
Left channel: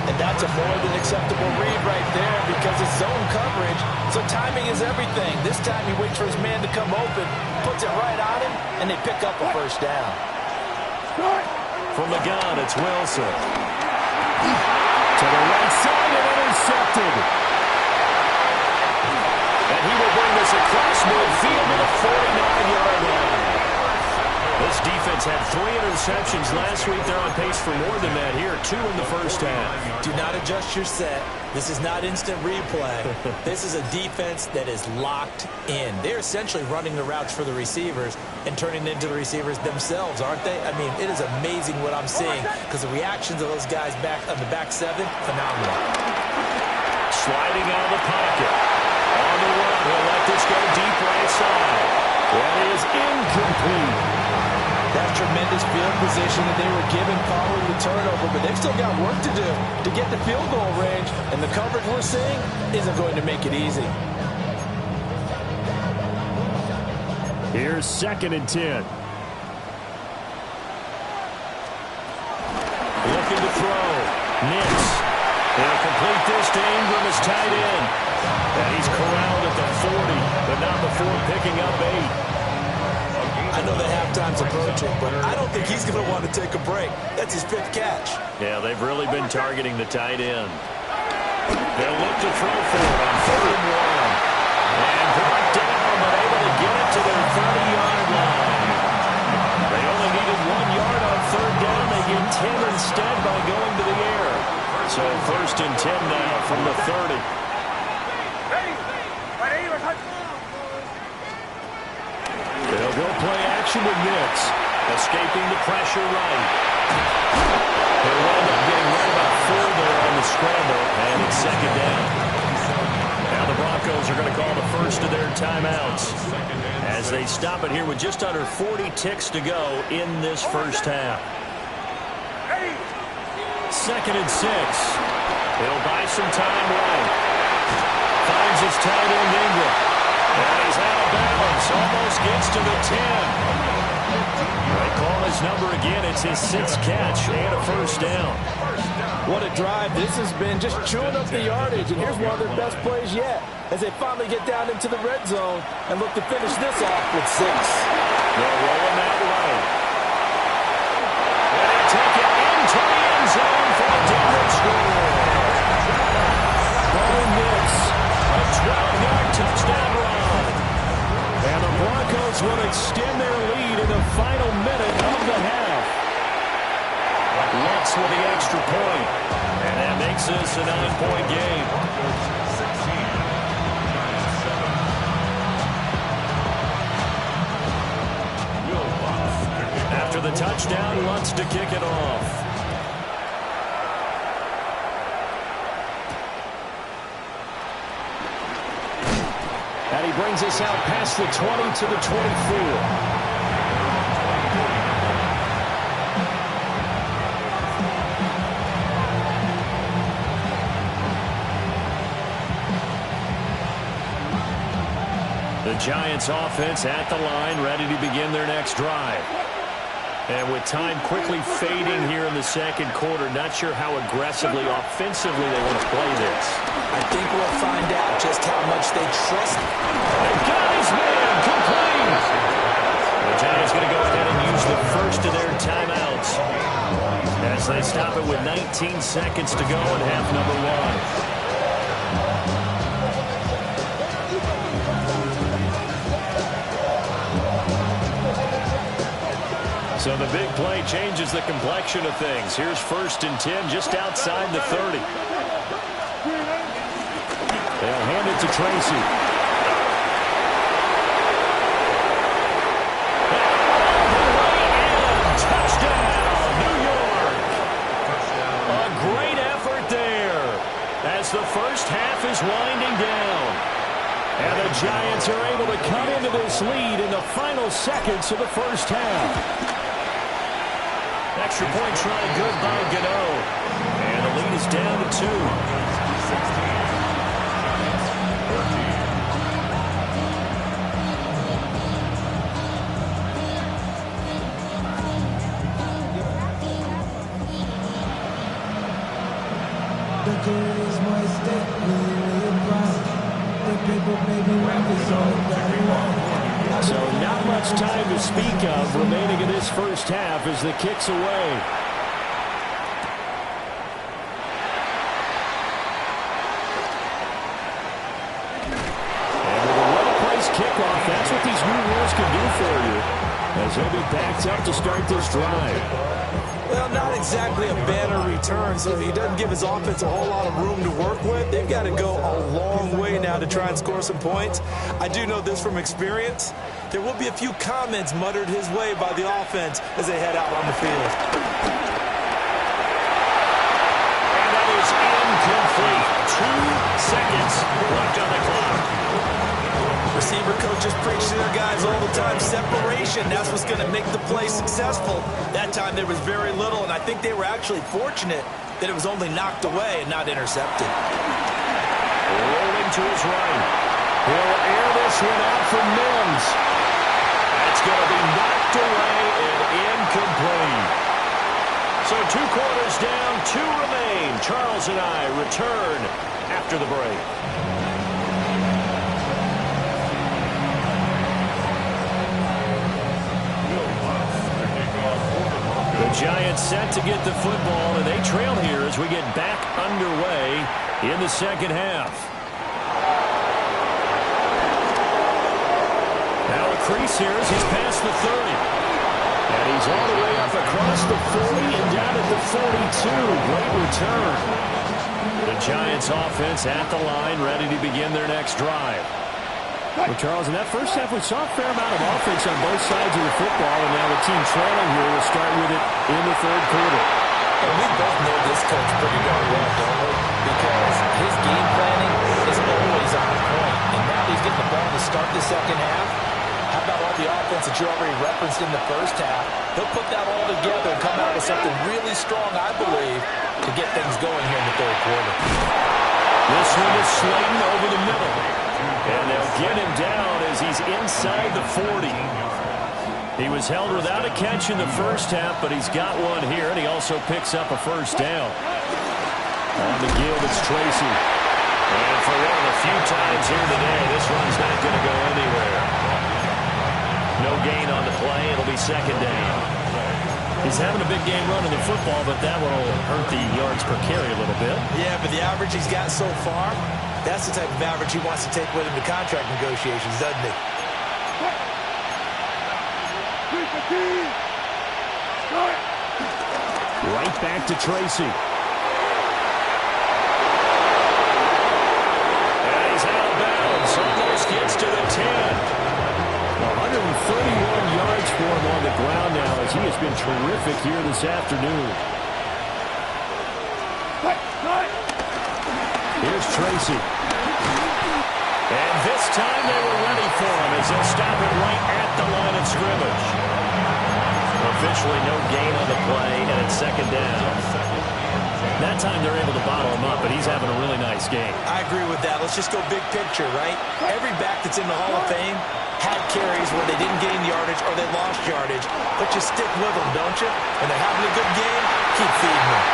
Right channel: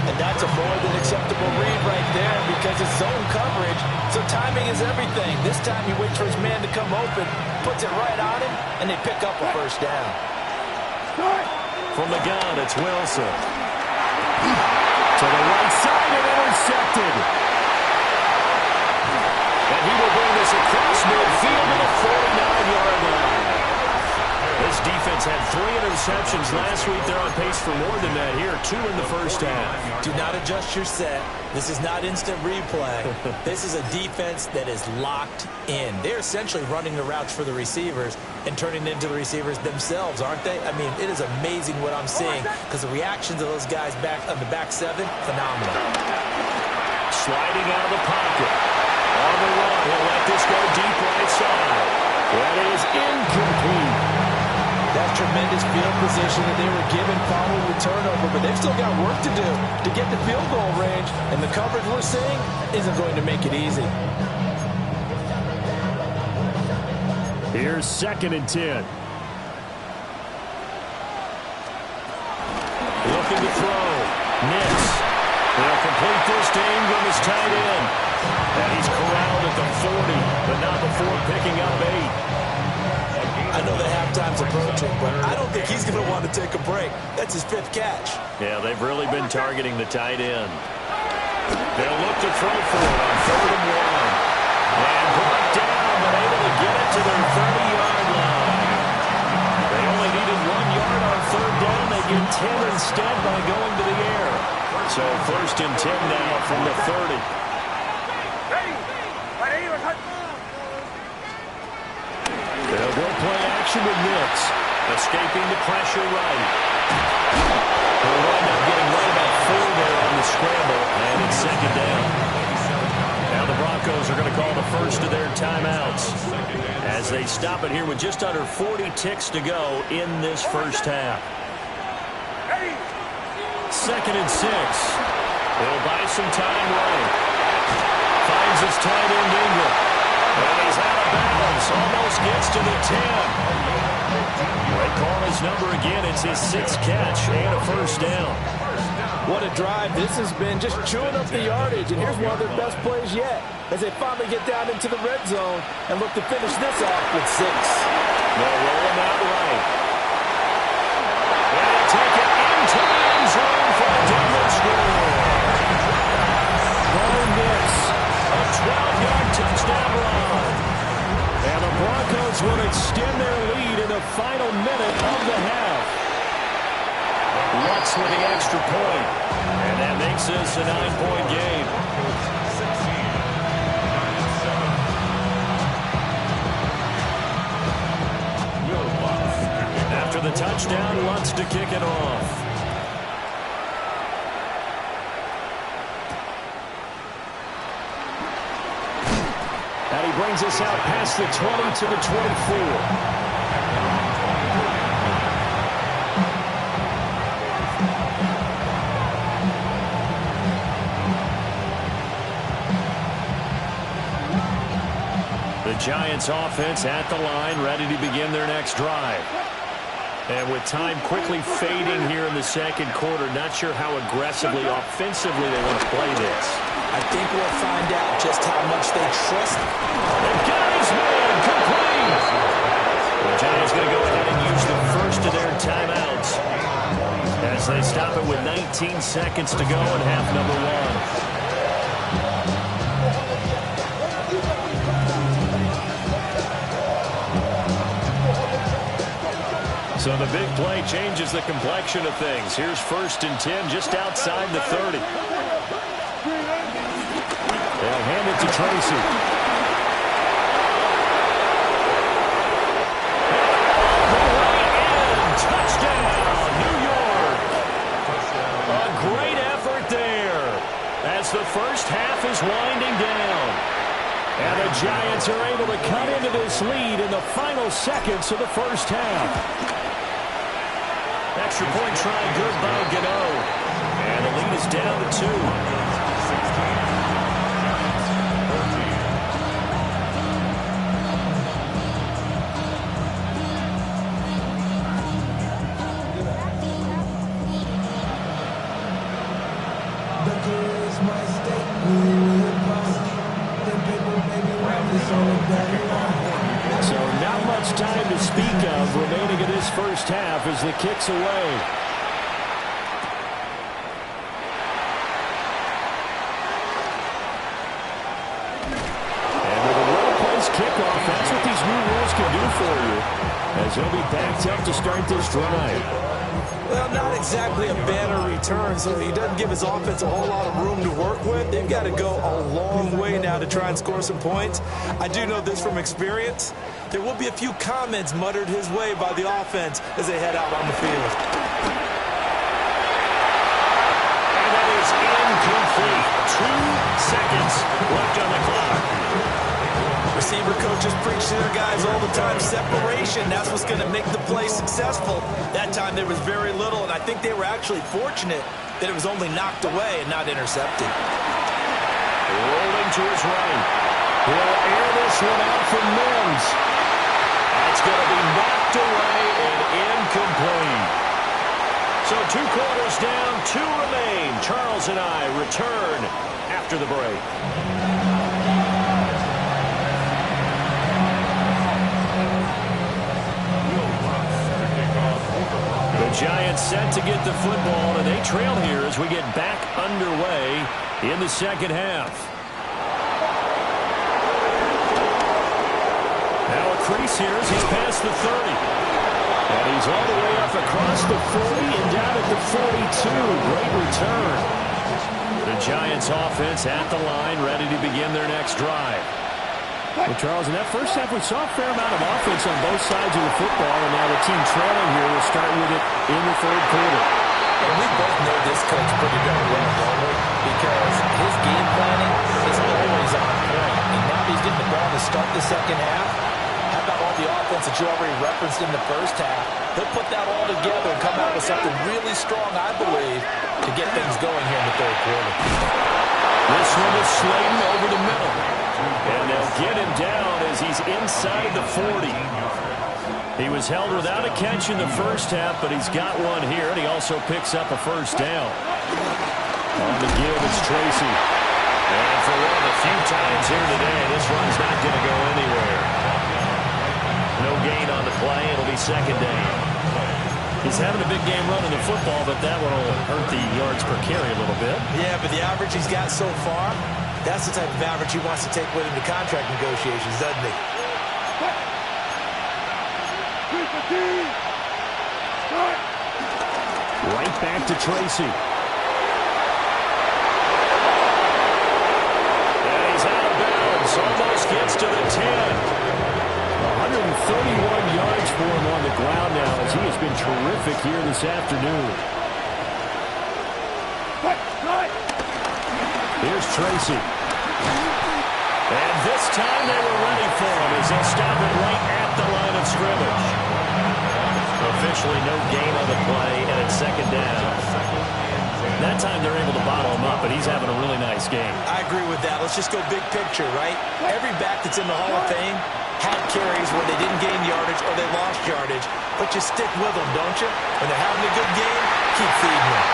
And that's a more than acceptable read right there because it's zone coverage, so timing is everything. This time he waits for his man to come open, puts it right on him, and they pick up a 1st down. From the gun, it's Wilson. To the right side and intercepted. And he will bring this across midfield to the 49-yard line. This defense had 3 interceptions last week. They're on pace for more than that here. 2 in the 1st half. Do not adjust your set. This is not instant replay. This is a defense that is locked in. They're essentially running the routes for the receivers and turning it into the receivers themselves, aren't they? I mean, it is amazing what I'm seeing because the reactions of those guys back on the back 7, phenomenal. Sliding out of the pocket. On the run, he'll let this go deep right side. That is incomplete. That's tremendous field position that they were given following the turnover, but they've still got work to do to get the field goal range, and the coverage we're seeing isn't going to make it easy. Here's 2nd and 10. Looking to throw. Nix. They'll complete this to Ingram as tight end. And he's corralled at the 40, but not before picking up 8. I know the halftime's approaching, but I don't think he's going to want to take a break. That's his 5th catch. Yeah, they've really been targeting the tight end. They'll look to throw for it on 3rd and 1. And brought down, but able to get it to their 30-yard line. They only needed 1 yard on 3rd down. They get 10 instead by going to the air. So 1st and 10 now from the 30. They'll go play action with Nix. Escaping the pressure right. He'll wind up getting right about 4 there on the scramble, and it's 2nd down. Now the Broncos are going to call the first of their timeouts as they stop it here with just under 40 ticks to go in this 1st half. 2nd and 6. He'll buy some time right. Finds his tight end Ingram. And he's out of bounds. Almost gets to the 10. They call his number again. It's his 6th catch and a 1st down. What a drive this has been, just chewing up the yardage. And here's one of their best plays yet as they finally get down into the red zone and look to finish this off with 6. They'll roll him out right. And they take it into the end zone for a Denver score. Bo Nix. A 12-yard touchdown run. And the Broncos will extend their lead in the final minute of the half. Lutz with the extra point. And that makes this a 9-point game. After the touchdown, Lutz to kick it off. And he brings us out past the 20 to the 24. The Giants offense at the line, ready to begin their next drive. And with time quickly fading here in the 2nd quarter, not sure how aggressively, offensively they want to play this. I think we'll find out just how much they trust him. And got his man complete. The Giants going to go ahead and use the first of their timeouts as they stop it with 19 seconds to go in half number 1. So the big play changes the complexion of things. Here's 1st and 10 just outside the 30. They'll it to Tracy. Touchdown, New York. A great effort there as the first half is winding down. And the Giants are able to cut into this lead in the final seconds of the first half. Extra point try good by Gano. And the lead is down to 2. 16. Giants 14. So not much time to speak of remaining in this first half as the kick's away. And with a well-placed kickoff, that's what these new rules can do for you, as they'll be backed up to start this drive. Well, not exactly a banner return, so he doesn't give his offense a whole lot of room to work with. They've got to go a long way now to try and score some points. I do know this from experience. There will be a few comments muttered his way by the offense as they head out on the field. And that is incomplete. 2 seconds left on the clock. Receiver coaches preach to their guys all the time. Separation, that's what's going to make the play successful. That time there was very little, and I think they were actually fortunate that it was only knocked away and not intercepted. Rolling to his right. He'll air this one out for Mims. That's going to be knocked away and incomplete. So 2 quarters down, 2 remain. Charles and I return after the break. The Giants set to get the football, and they trail here as we get back underway in the second half. Now a crease here as he's past the 30. And he's all the way up across the 40 and down at the 42. Great return. The Giants offense at the line, ready to begin their next drive. Well, Charles, in that first half, we saw a fair amount of offense on both sides of the football, and now the team trailing here will start with it in the third quarter. And we both know this coach pretty darn well, don't we? Because his game planning is always on point. And now that he's getting the ball to start the second half, how about all the offense that you already referenced in the first half? He'll put that all together and come out with something really strong, I believe, to get things going here in the third quarter. This one is Slayton over the middle. And they'll get him down as he's inside the 40. He was held without a catch in the first half, but he's got one here, and he also picks up a first down. On the give, it's Tracy. And for one of the few times here today, this run's not going to go anywhere. No gain on the play. It'll be second down. He's having a big game running the football, but that one will hurt the yards per carry a little bit. Yeah, but the average he's got so far, that's the type of average he wants to take with him to contract negotiations, doesn't he? Right back to Tracy. And he's out of bounds. Almost gets to the 10. 131 yards for him on the ground now as he has been terrific here this afternoon. Here's Tracy. And this time they were ready for him as they'll stop it right at the line of scrimmage. Officially no gain on the play, and it's second down. That time they're able to bottle him up, but he's having a really nice game. I agree with that. Let's just go big picture, right? Every back that's in the Hall of Fame had carries where they didn't gain yardage or they lost yardage, but you stick with them, don't you? When they're having a good game, keep feeding them.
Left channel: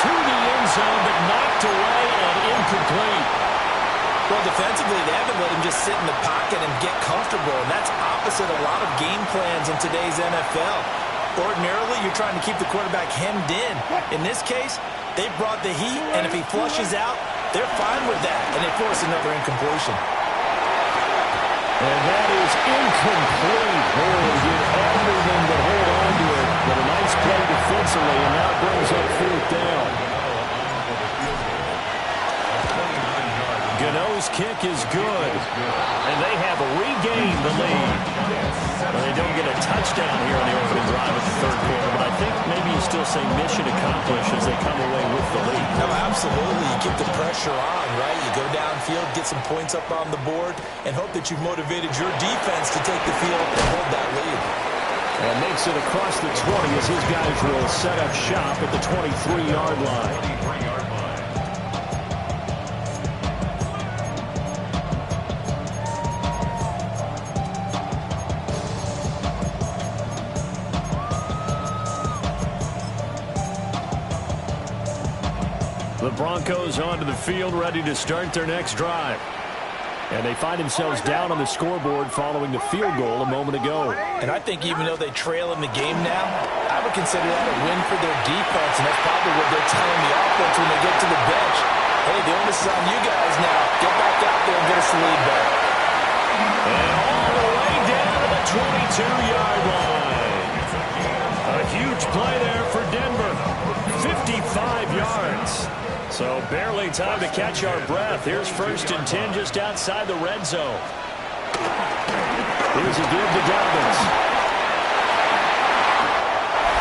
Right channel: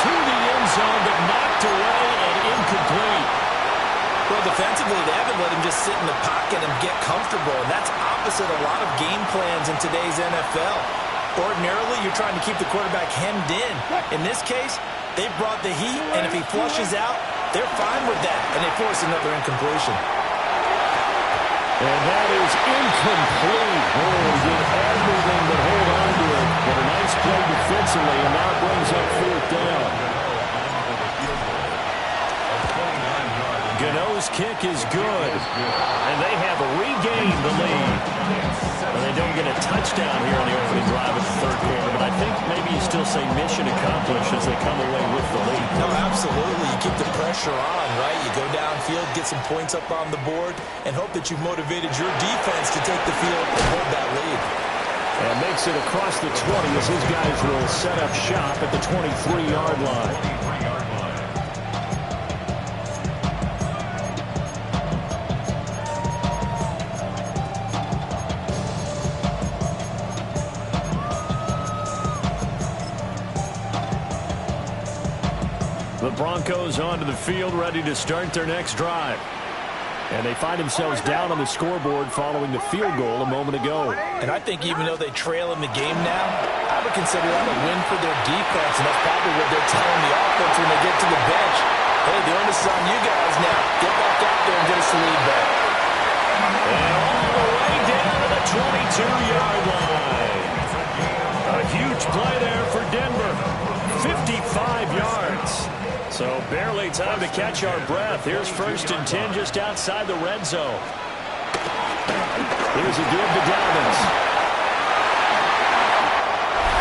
To the end zone, but knocked away and incomplete. Well, defensively, they haven't let him just sit in the pocket and get comfortable, and that's opposite a lot of game plans in today's NFL. Ordinarily, you're trying to keep the quarterback hemmed in. In this case, they brought the heat, and if he flushes out, they're fine with that, and they force another incompletion. And that is incomplete. Oh, he did everything but hold on to it. But a nice play defensively, and now it brings up fourth down. Gano's kick is good. And they have regained the lead. Well, they don't get a touchdown here on the opening drive of the third quarter, but I think maybe you still say mission accomplished as they come away with the lead. No, absolutely. You keep the pressure on, right? You go downfield, get some points up on the board, and hope that you've motivated your defense to take the field and hold that lead. And makes it across the 20 as his guys will set up shop at the 23-yard line. The Broncos onto the field, ready to start their next drive. And they find themselves down on the scoreboard following the field goal a moment ago. And I think even though they trail in the game now, I would consider that a win for their defense, and that's probably what they're telling the offense when they get to the bench. Hey, the onus is on you guys now. Get back out there and get us the lead back. And all the way down to the 22-yard line. A huge play there for Denver. 55 yards. So barely time to catch our breath. Here's 1st and 10 just outside the red zone. Here's a give to Dobbins.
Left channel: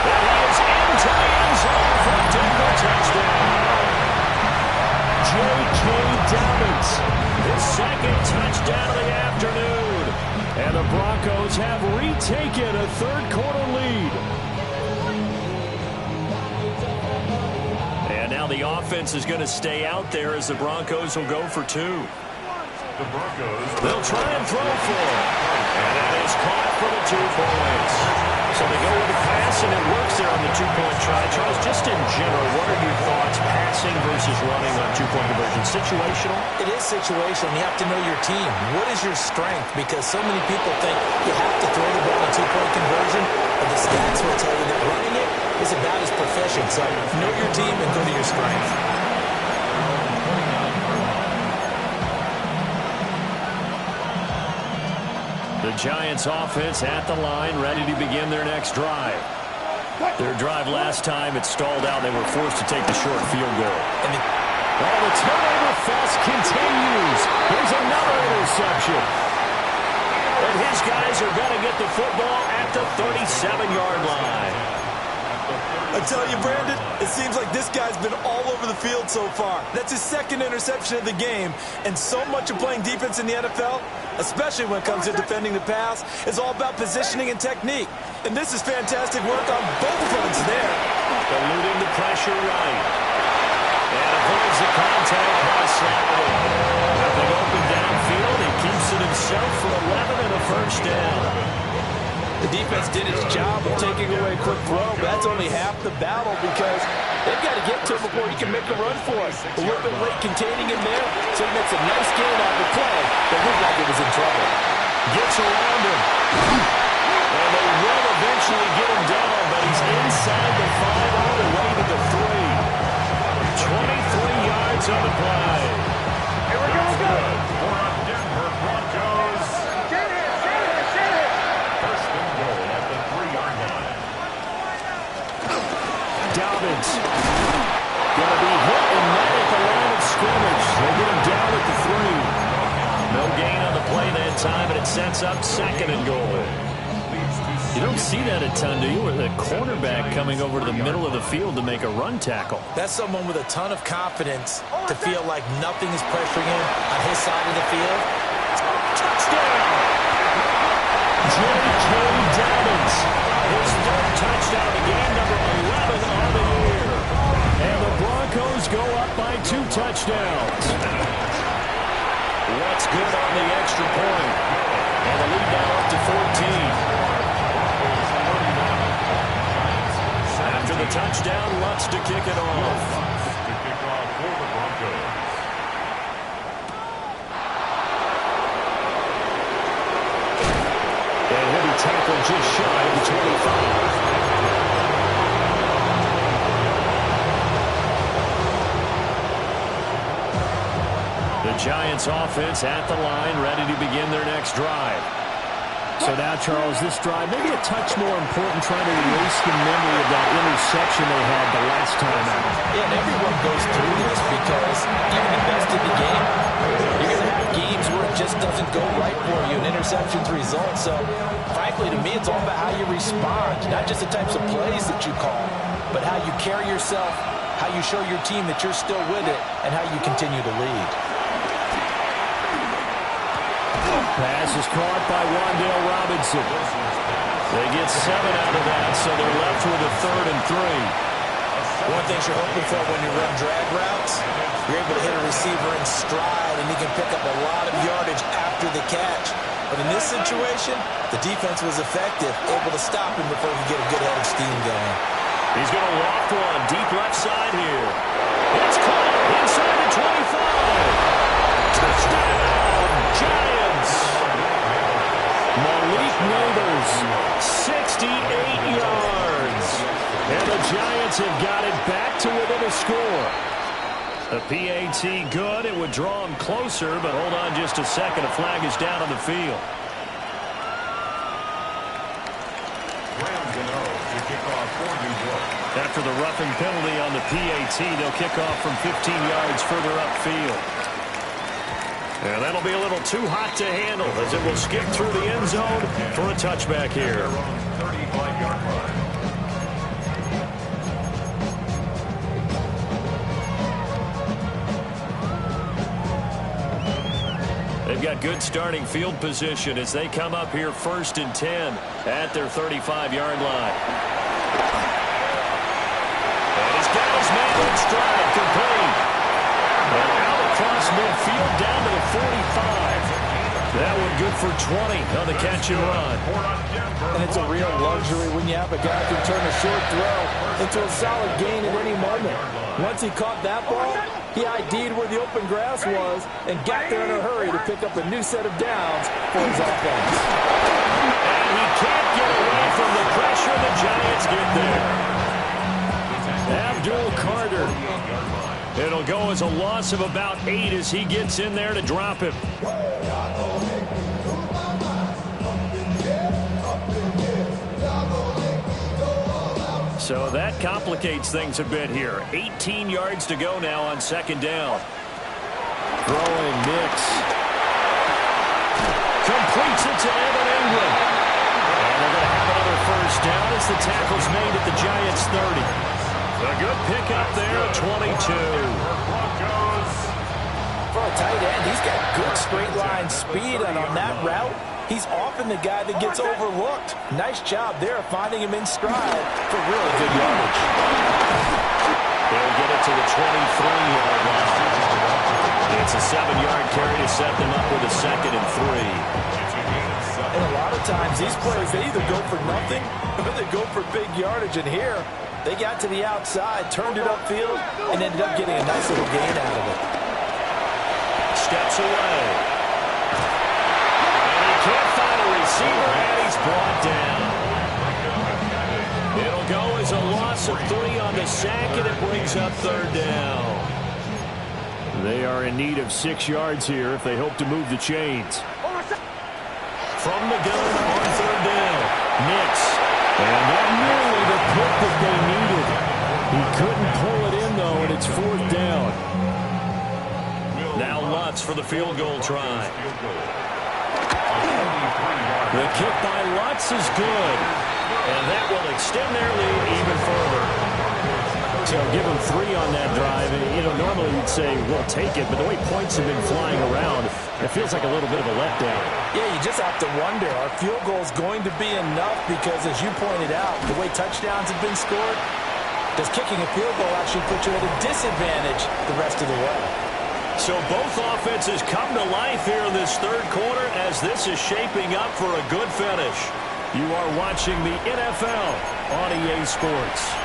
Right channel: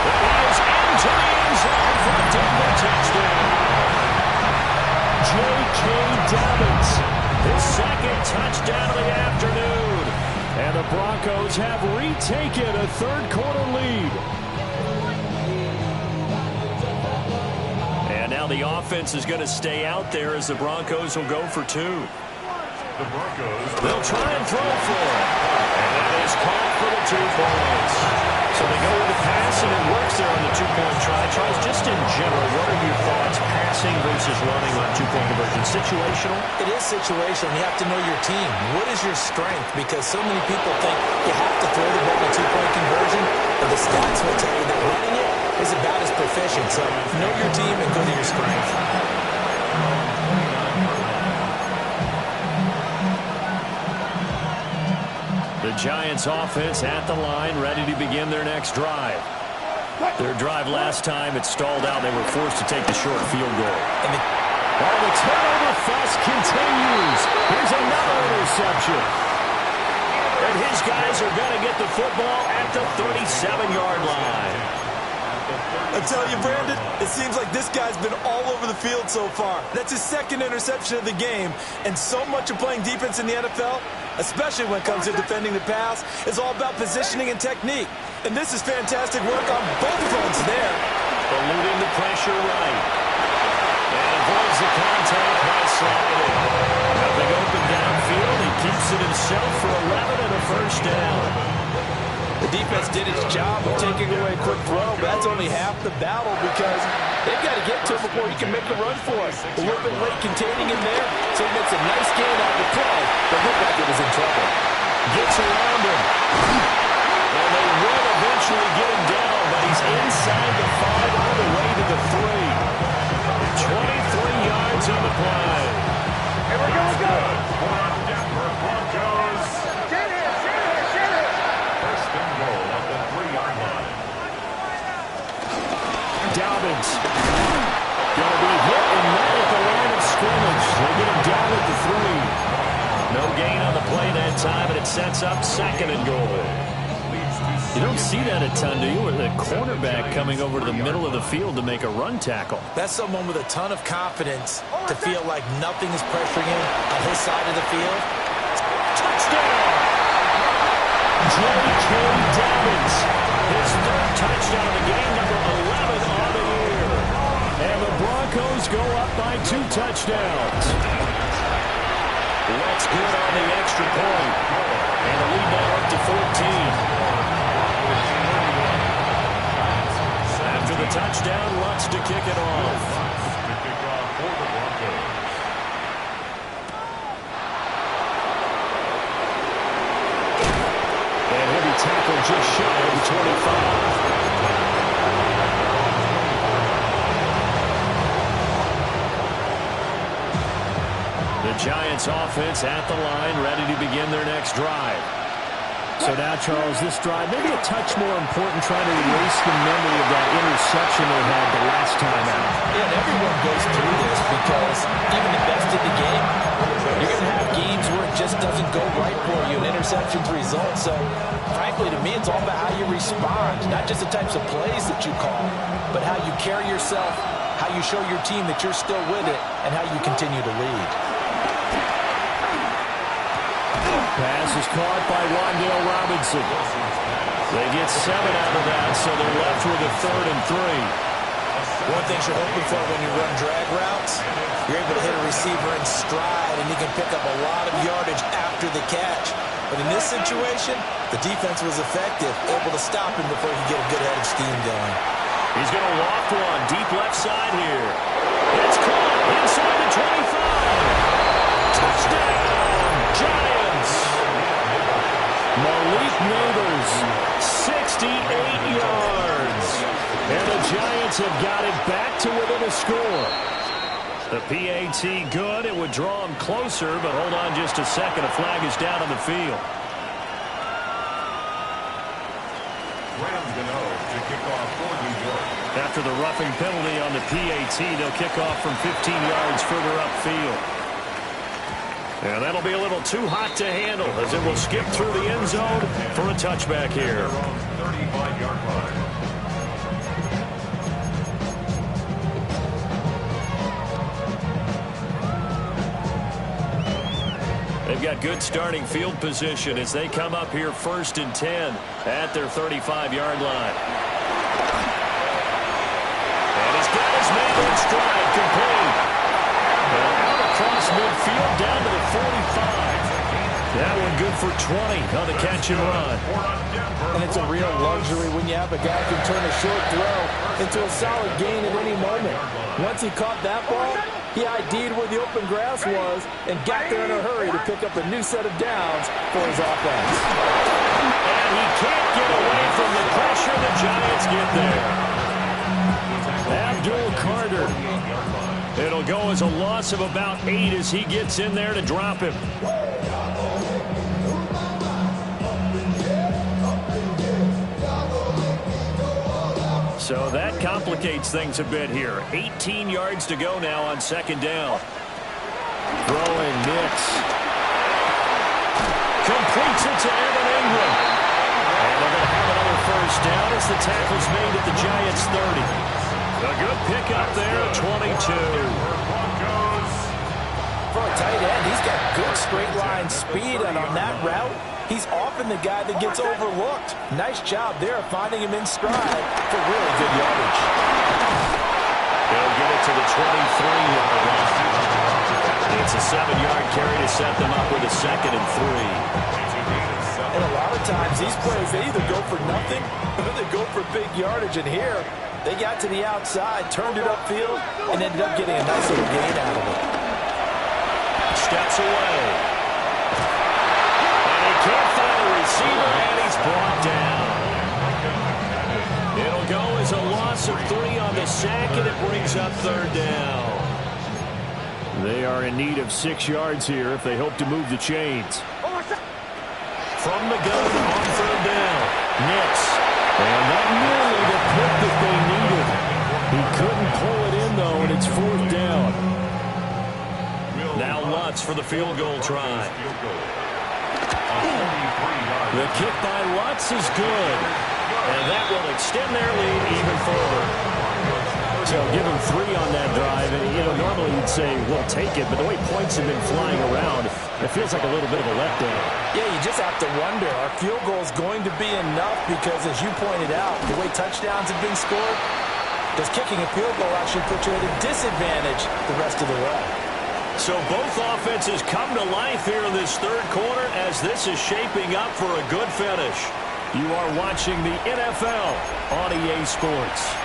And he is into the end zone for a Denver touchdown. J.K. Dobbins, his 2nd touchdown of the afternoon. And the Broncos have retaken a third-quarter lead. And now the offense is going to stay out there as the Broncos will go for 2. The Broncos. They'll try and throw for it. And that is caught for the 2 points. So they go with the pass, and it works there on the 2-point try. Charles, just in general, what are your thoughts passing versus running on 2-point conversion? Situational? It is situational. You have to know your team. What is your strength? Because so many people think you have to throw the ball on a 2-point conversion, but the stats will tell you that running it is about as proficient. So know your team and go to your strength. The Giants offense at the line, ready to begin their next drive. Their drive last time, it stalled out. They were forced to take the short field goal. And the turnover fest continues. Here's another interception. And his guys are going to get the football at the 37-yard line. I tell you, Brandon, it seems like this guy's been all over the field so far. That's his 2nd interception of the game. And so much of playing defense in the NFL, especially when it comes to defending the pass, is all about positioning and technique. And this is fantastic work on both fronts there. Eluding the pressure right. And avoids the contact by sliding. Nothing open downfield. He keeps it himself for 11 and a 1st down. The defense did its job of taking away a quick throw, but that's only half the battle because they've got to get to him before he can make a run for it. A little bit late containing him there, so he makes a nice gain out of the play that looked like it was in trouble. Gets around him. And they will eventually get him down, but he's inside the 5 all the way to the 3. 23 yards on the play. Here we go, for a Denver Broncos. First and goal at the 3-yard line. Dobbins going to be hit and met at the line of scrimmage. They get him down at the 3. No gain on the play that time, and it sets up 2nd and goal. You don't see that a ton, do you? With a cornerback coming over to the middle of the field to make a run tackle. That's someone with a ton of confidence to feel like nothing is pressuring him on his side of the field. Touchdown! J.K. Dobbins, his 3rd touchdown of the game, number 11 on the year. And the Broncos go up by 2 touchdowns. What's good on the extra point? And the lead now up to 14. After the touchdown, Lutz to kick it off. To kick off for the Broncos. And he'll be tackled just shy of the 25. The Giants offense at the line, ready to begin their next drive. So now, Charles, this drive, maybe a touch more important, trying to erase the memory of that interception they had the last time out. Yeah, and everyone goes through this because even the best in the game, you're going to have games where it just doesn't go right for you, and interceptions result. So, frankly, to me, it's all about how you respond, not just the types of plays that you call, but how you carry yourself, how you show your team that you're still with it, and how you continue to lead. Pass is caught by Wan'Dale Robinson. They get 7 out of that, so they're left with a 3rd and 3. One thing you're hoping for when you run drag routes, you're able to hit a receiver in stride, and he can pick up a lot of yardage after the catch. But in this situation, the defense was effective, able to stop him before he could get a good head of steam going. He's going to loft one deep left side here. It's caught inside the 25. Touchdown, Giants. Malik Neighbors, 68 yards. And the Giants have got it back to within a score. The PAT good. It would draw them closer, but hold on just a second. A flag is down on the field. Rams and O to kick off for New York. After the roughing penalty on the PAT, they'll kick off from 15 yards further upfield. And that'll be a little too hot to handle as it will skip through the end zone for a touchback here. 35-yard line. They've got good starting field position as they come up here 1st and 10 at their 35-yard line. And he's got his man in stride, complete. And out across midfield down to the 45. That one good for 20 on the catch and run. And it's a real luxury when you have a guy who can turn a short throw into a solid gain at any moment. Once he caught that ball, he ID'd where the open grass was and got there in a hurry to pick up a new set of downs for his offense. And he can't get away from the pressure. The Giants get there. Abdul Carter. It'll go as a loss of about 8 as he gets in there to drop him. So that complicates things a bit here. 18 yards to go now on 2nd down. Throwing Nix. Completes it to Evan Ingram. And they're going to have another 1st down as the tackle's made at the Giants' 30. A good pickup there at 22. For a tight end, he's got good straight line speed, and on that route, he's often the guy that gets overlooked. Nice job there finding him in stride for really good yardage. They'll get it to the 23-yard line. It's a 7-yard carry to set them up with a 2nd and 3. And a lot of times, these plays, they either go for nothing or they go for big yardage. And here, they got to the outside, turned it upfield, and ended up getting a nice little gain out of it. Steps away. And he can't find a receiver, and he's brought down. It'll go as a loss of 3 on the sack, and it brings up 3rd down. They are in need of 6 yards here if they hope to move the chains. From the gun on 3rd down, Nix. And that nearly the pick that they needed. He couldn't pull it in, though, and it's 4th down. Now Lutz for the field goal try. The kick by Lutz is good. And that will extend their lead even further. So give them 3 on that drive. And, you know, normally you'd say, we'll take it. But the way points have been flying around, it feels like a little bit of a letdown. Yeah, you just have to wonder, are field goals going to be enough? Because as you pointed out, the way touchdowns have been scored, does kicking a field goal actually put you at a disadvantage the rest of the way? So both offenses come to life here in this 3rd quarter as this is shaping up for a good finish. You are watching the NFL on EA Sports.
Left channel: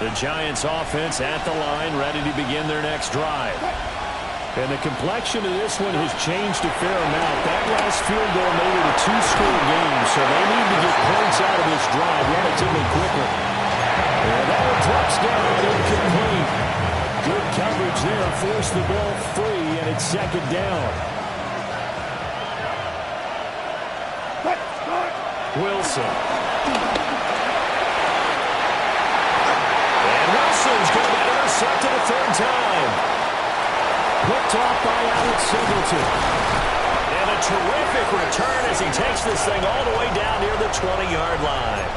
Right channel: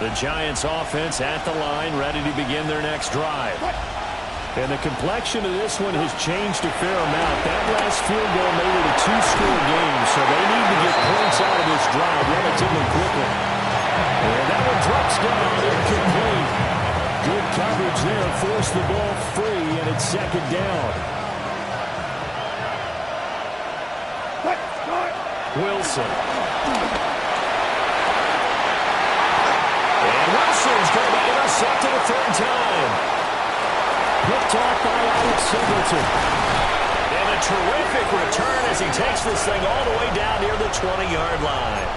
The Giants offense at the line, ready to begin their next drive. And the complexion of this one has changed a fair amount. That last field goal made it a 2-score game, so they need to get points out of this drive relatively quickly. And that one drops down incomplete. Good coverage there. Forced the ball free, and it's second down. Wilson. And Wilson's going to be intercepted a third time. Picked off by Alex Singleton. And a terrific return as he takes this thing all the way down near the 20-yard line.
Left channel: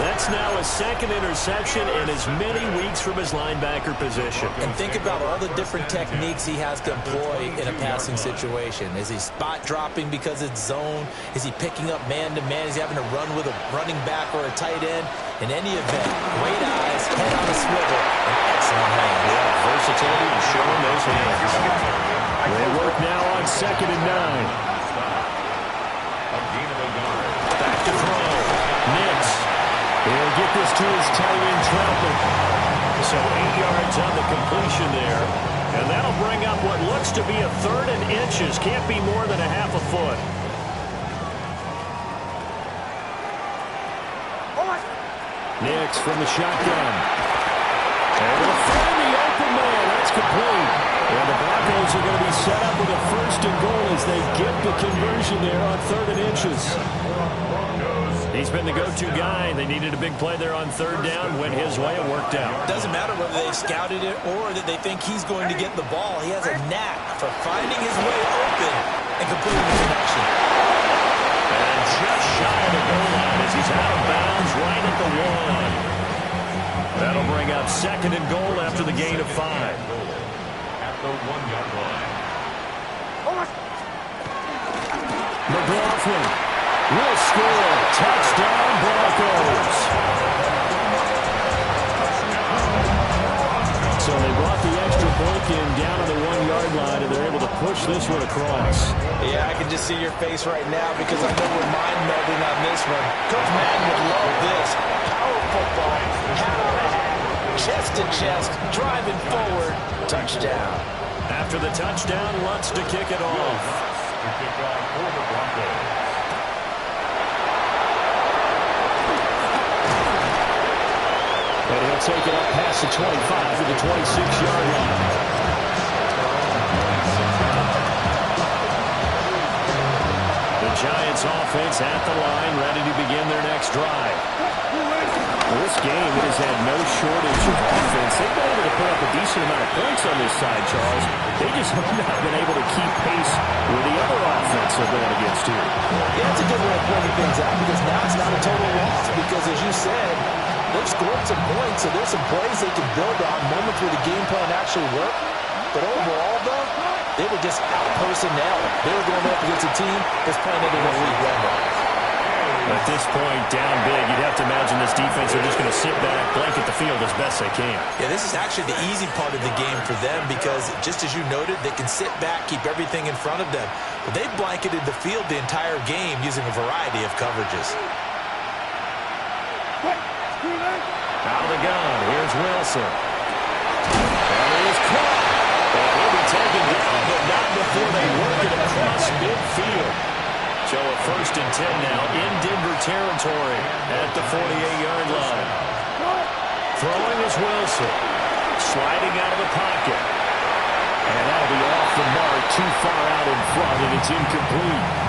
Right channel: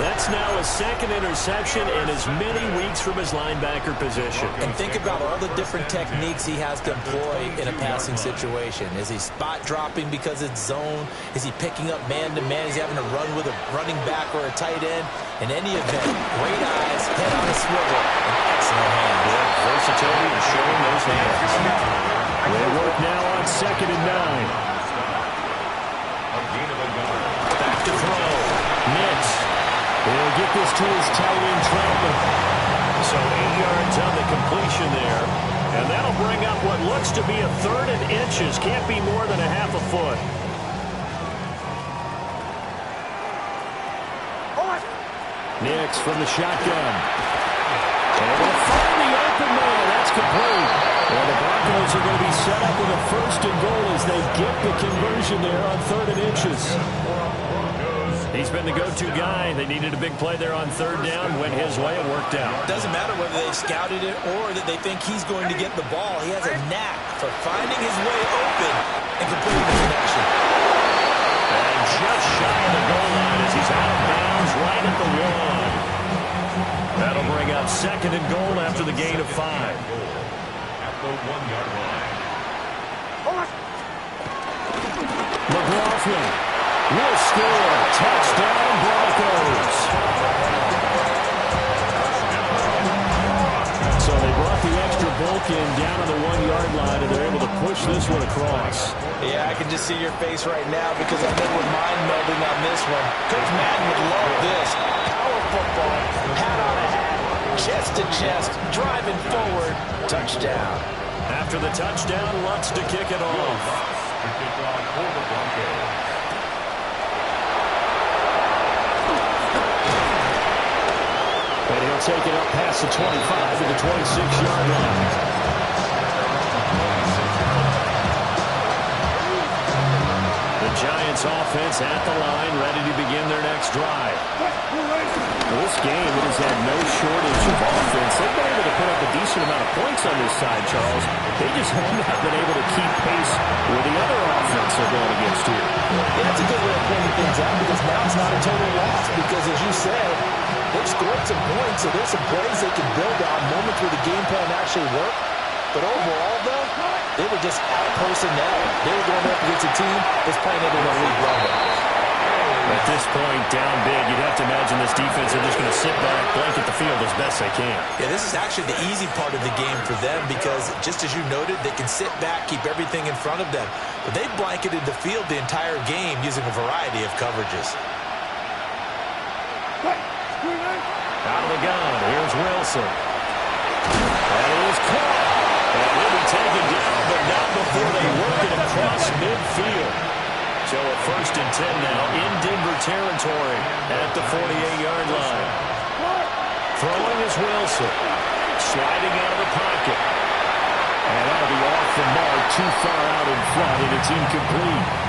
That's now his second interception in as many weeks from his linebacker position. And think about all the different techniques he has to employ in a passing situation. Is he spot dropping because it's zone? Is he picking up man-to-man? Is he having to run with a running back or a tight end? In any event, great eyes, head on a swivel, and excellent hands. Yeah, versatility and showing those hands. They work now on 2nd and 9. Back to throw. Nix. He'll get this to his tight end, Troutman. So 8 yards on the completion there. And that'll bring up what looks to be a 3rd and inches. Can't be more than a half a foot. Nix from the shotgun. Able to find the open man. That's complete. And the Broncos are going to be set up with a 1st and goal as they get the conversion there on 3rd and inches. He's been the go-to guy. They needed a big play there on 3rd down. Went his way. It worked out. Doesn't matter whether they've scouted it or that they think he's going to get the ball. He has a knack for finding his way open and completing the connection. And just shy of the goal line as he's out of bounds right at the 1. That'll bring up 2nd and goal after the gain of 5. At the 1-yard line. McLaughlin will score. Touchdown, Broncos. So they brought the extra bulk in down on the 1-yard line, and they're able to push this one across. Yeah, I can just see your face right now because I know we're mind-melding on this one. Coach Madden would love this. Power football, hat on a hat, chest to chest, driving forward, touchdown. After the touchdown, Lutz to kick it off. To kick off for the Broncos. And he'll take it up past the 25 to the 26-yard line. The Giants offense at the line, ready to begin their next drive. Well, this game, it has had no shortage of offense. They've been able to put up a decent amount of points on this side, Charles. They just have not been able to keep pace with the other offense they're going against here. Yeah, that's a good way of pointing things out because now it's not a total loss because, as you said, they've scored some points, so there's some plays they can build on, moments where the game plan actually worked. But overall, though, they were just out-personnel. They were going up against a team that's playing at an elite level. At this point, down big, you'd have to imagine this defense are just going to sit back, blanket the field as best they can. Yeah, this is actually the easy part of the game for them because, just as you noted, they can sit back, keep everything in front of them. But they've blanketed the field the entire game using a variety of coverages. Out of the gun, here's Wilson. That is caught. And he'll be taken down, but not before they work it across midfield. So a 1st and 10 now in Denver territory at the 48-yard line. Throwing is Wilson. Sliding out of the pocket. And that'll be off the mark, too far out in front, and it's incomplete.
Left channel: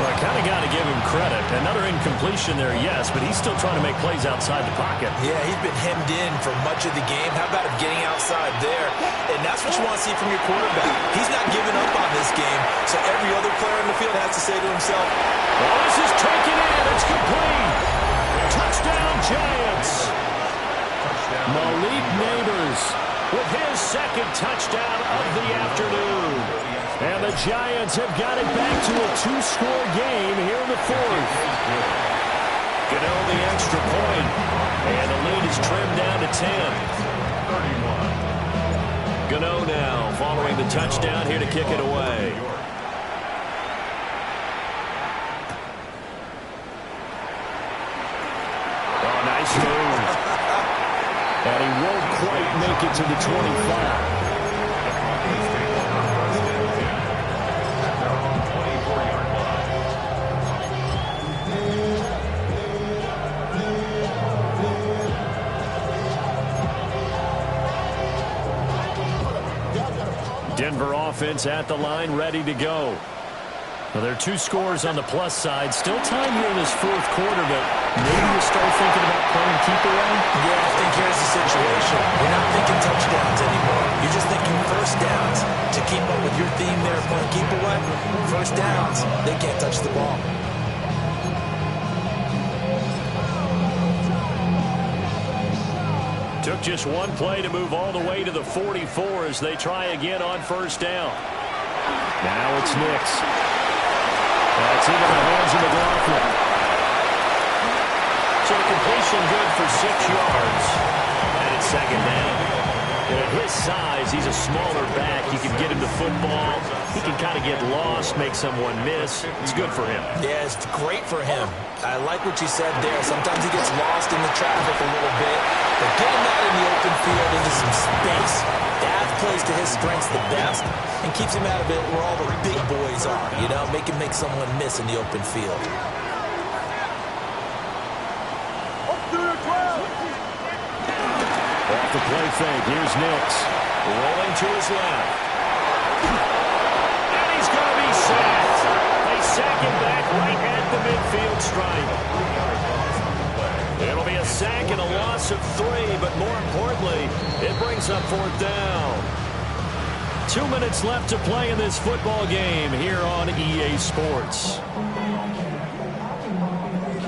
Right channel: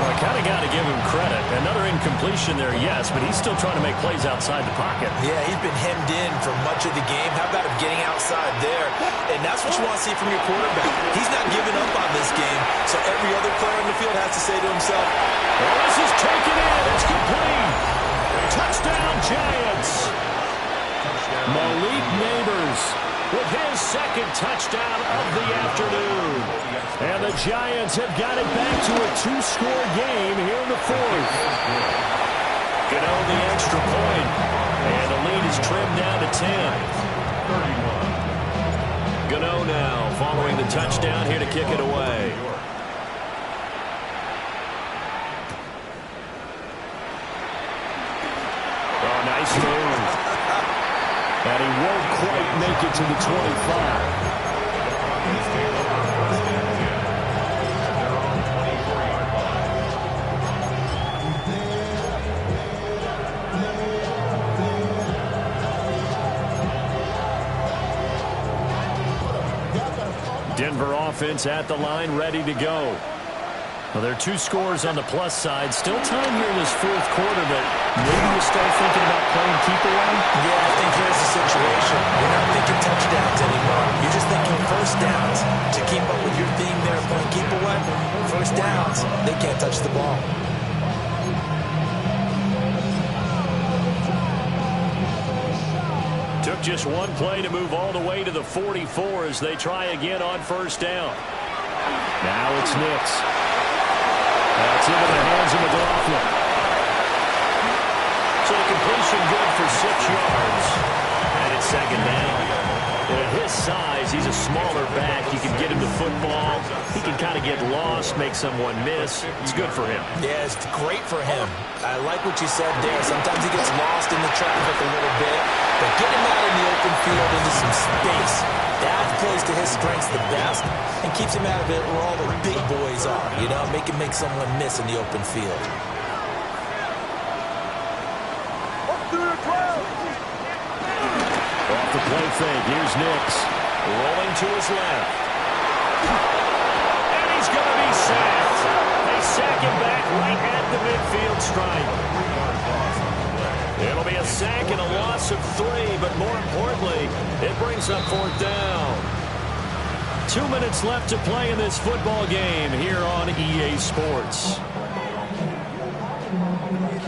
Well, I kind of got to give him credit. Another incompletion there, yes, but he's still trying to make plays outside the pocket. Yeah, he's been hemmed in for much of the game. How about him getting outside there? And that's what you want to see from your quarterback. He's not giving up on this game, so every other player in the field has to say to himself, well, this is taken in. It's complete. Touchdown, Giants. Malik Neighbors with his 2nd touchdown of the afternoon. And the Giants have got it back to a 2-score game here in the 4th. Gano the extra point. And the lead is trimmed down to 10. 31. Gano now following the touchdown here to kick it away. Oh, nice move. And he won't quite make it to the 25. Denver offense at the line, ready to go. Well, there are 2 scores on the plus side. Still time here in this fourth quarter, but maybe you start thinking about playing keep away? Yeah, I think here's the situation. You're not thinking touchdowns anymore. You're just thinking first downs. To keep up with your theme there, playing keep away, first downs, they can't touch the ball. Took just one play to move all the way to the 44 as they try again on first down. Now it's Nix. That's into the hands of McLaughlin. So the completion good for 6 yards. And it's second down. And at his size, he's a smaller back. You can get him the football. He can kind of get lost, make someone miss. It's good for him. Yeah, it's great for him. I like what you said there. Sometimes he gets lost in the traffic a little bit. But get him out in the open field into some space. That plays to his strengths the best and keeps him out of it where all the big boys are. You know, make him make someone miss in the open field. Off the play fake, here's Nix. Rolling to his left. And he's going to be sacked. They sack him back right at the midfield stripe. It'll be a sack and a loss of 3, but more importantly, it brings up fourth down. 2 minutes left to play in this football game here on EA Sports.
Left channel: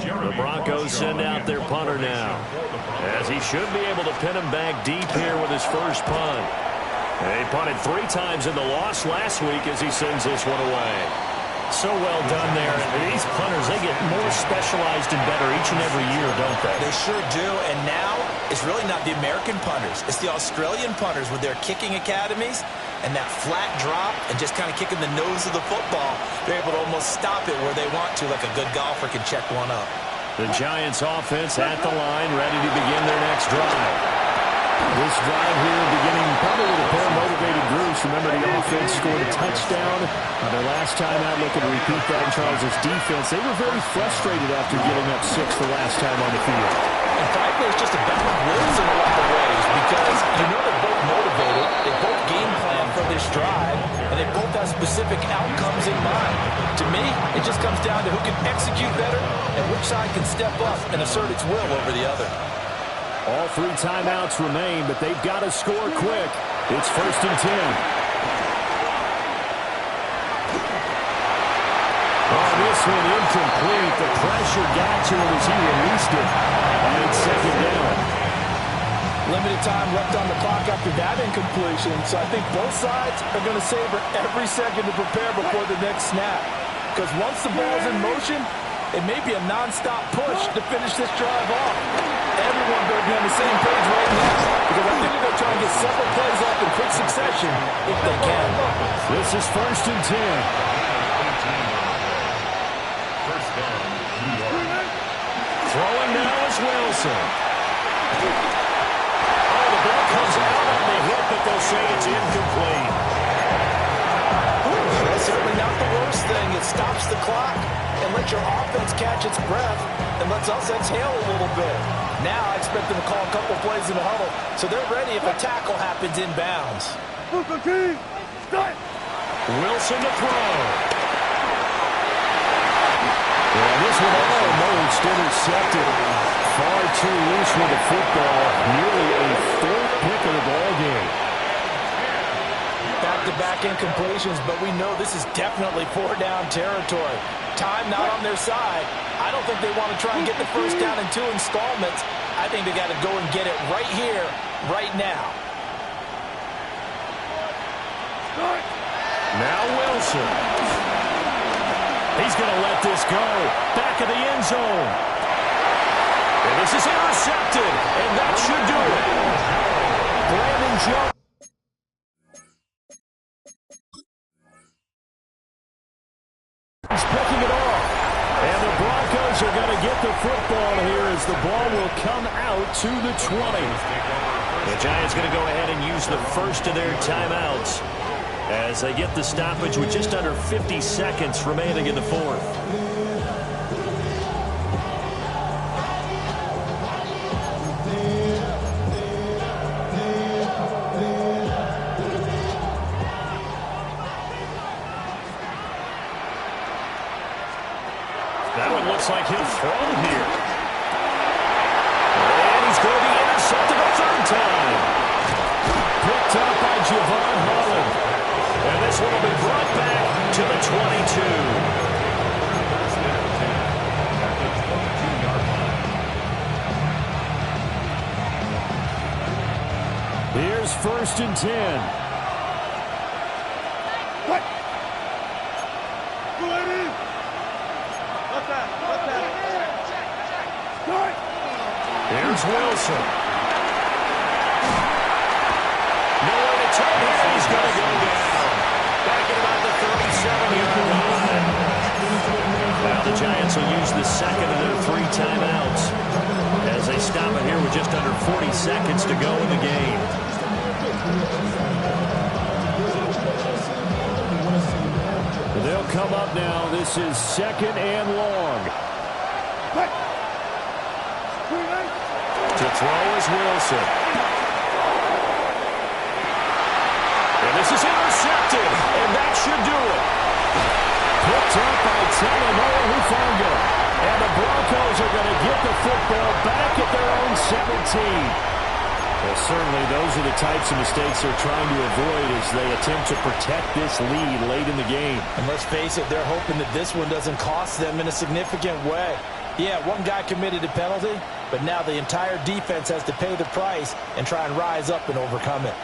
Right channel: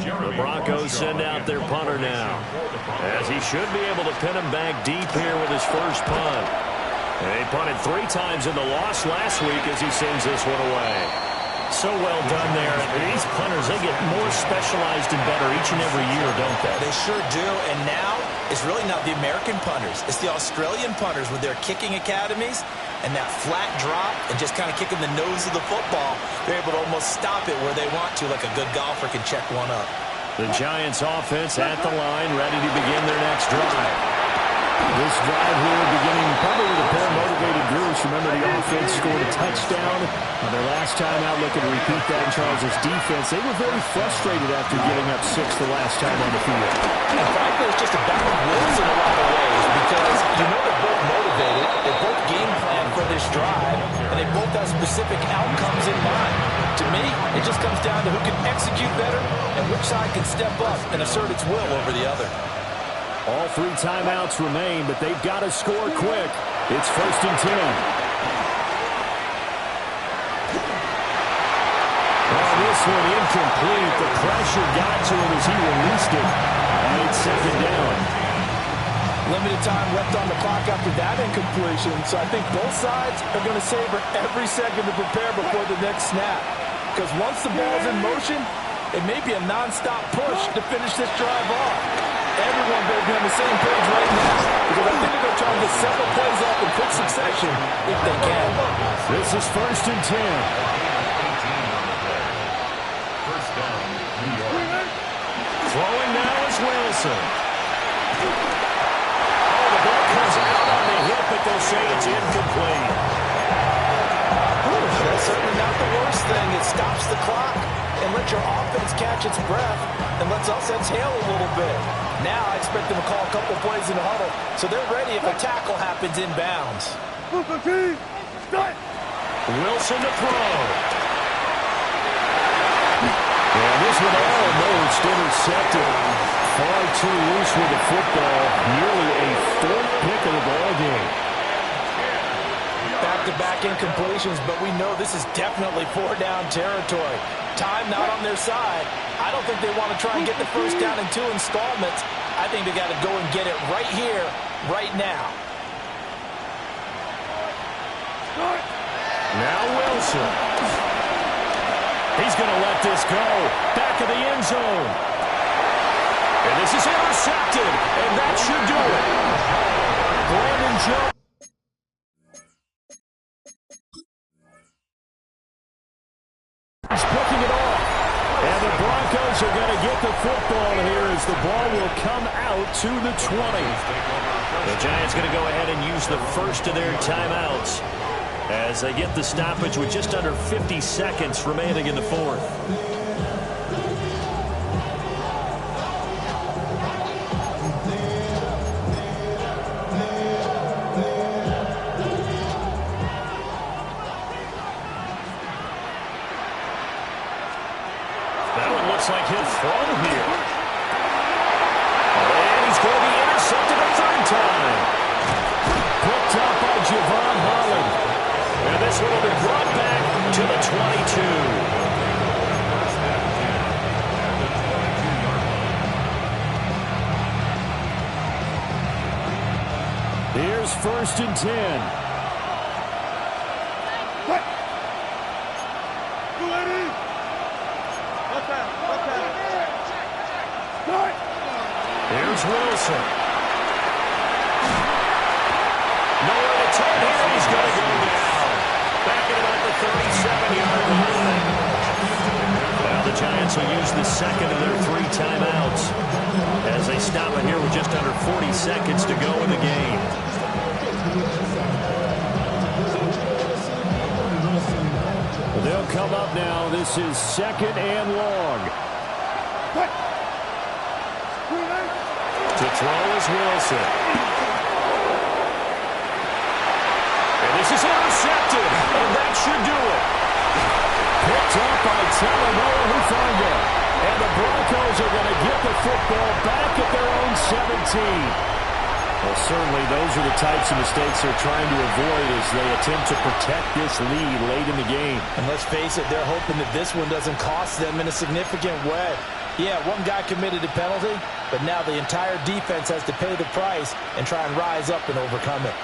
The Broncos send out their punter now, as he should be able to pin him back deep here with his first punt. He punted 3 times in the loss last week as he sends this one away. So well done there. And these punters, they get more specialized and better each and every year, don't they? They sure do. And now it's really not the American punters. It's the Australian punters with their kicking academies and that flat drop and just kind of kicking the nose of the football. They're able to almost stop it where they want to, like a good golfer can check one up. The Giants offense at the line, ready to begin their next drive. This drive here beginning probably with a pair of motivated groups. Remember, the offense scored a touchdown on their last time out, looking to repeat that in Charles' defense. They were very frustrated after giving up 6 the last time on the field. And frankly, it's just a battle of wills in a lot of ways because you know they're both motivated, they both game plan for this drive, and they both have specific outcomes in mind. To me, it just comes down to who can execute better and which side can step up and assert its will over the other. All 3 timeouts remain, but they've got to score quick. It's 1st and 10. Oh, this one incomplete. The pressure got to him as he released it. And it's second down. Limited time left on the clock after that incompletion, so I think both sides are going to savor every second to prepare before the next snap. Because once the ball's in motion, it may be a non-stop push to finish this drive off. Everyone better be on the same page right now because I think they're going to try and get several plays off in quick succession if they can. This is 1st and 10. First down, New York. Throwing now is Wilson. Oh, the ball comes out on the hit, but they'll say it's incomplete. That's certainly not the worst thing. It stops the clock and lets your offense catch its breath and lets us exhale a little bit. Now I expect them to call a couple plays in the huddle, so they're ready if a tackle happens inbounds. Wilson to throw. And this one almost intercepted. Far too loose with the football. Nearly a 4th pick of the ball game. Back-to-back incompletions, but we know this is definitely 4-down territory. Time not on their side. I don't think they want to try and get the first down in 2 installments. I think they got to go and get it right here, right now. Now Wilson. He's going to let this go. Back of the end zone. And this is intercepted, and that should do it. Brandon Jones. Picking it off. And the Broncos are going to get the football here as the ball will come out to the 20. The Giants going to go ahead and use the first of their timeouts as they get the stoppage with just under 50 seconds remaining in the 4th. That one looks like he'll throw here. And he's going to be intercepted a third time. Picked up by Javon Holland. And this one will be brought back to the 22. First and 10 at the 22-yard line. Here's first and 10. Here's Wilson. Nowhere to turn here. He's going to go down. Back at about the 37-yard line. Now the Giants will use the second of their 3 timeouts as they stop it here with just under 40 seconds to go in the game. They'll come up now. This is second and long. To throw is Wilson. And this is intercepted, and that should do it. Picked up by Talanoa Hufanga. And the Broncos are going to get the football back at their own 17. Well, certainly those are the types of mistakes they're trying to avoid as they attempt to protect this lead late in the game. And let's face it, they're hoping that this one doesn't cost them in a significant way. Yeah, one guy committed a penalty, but now the entire defense has to pay the price and try and rise up and overcome it.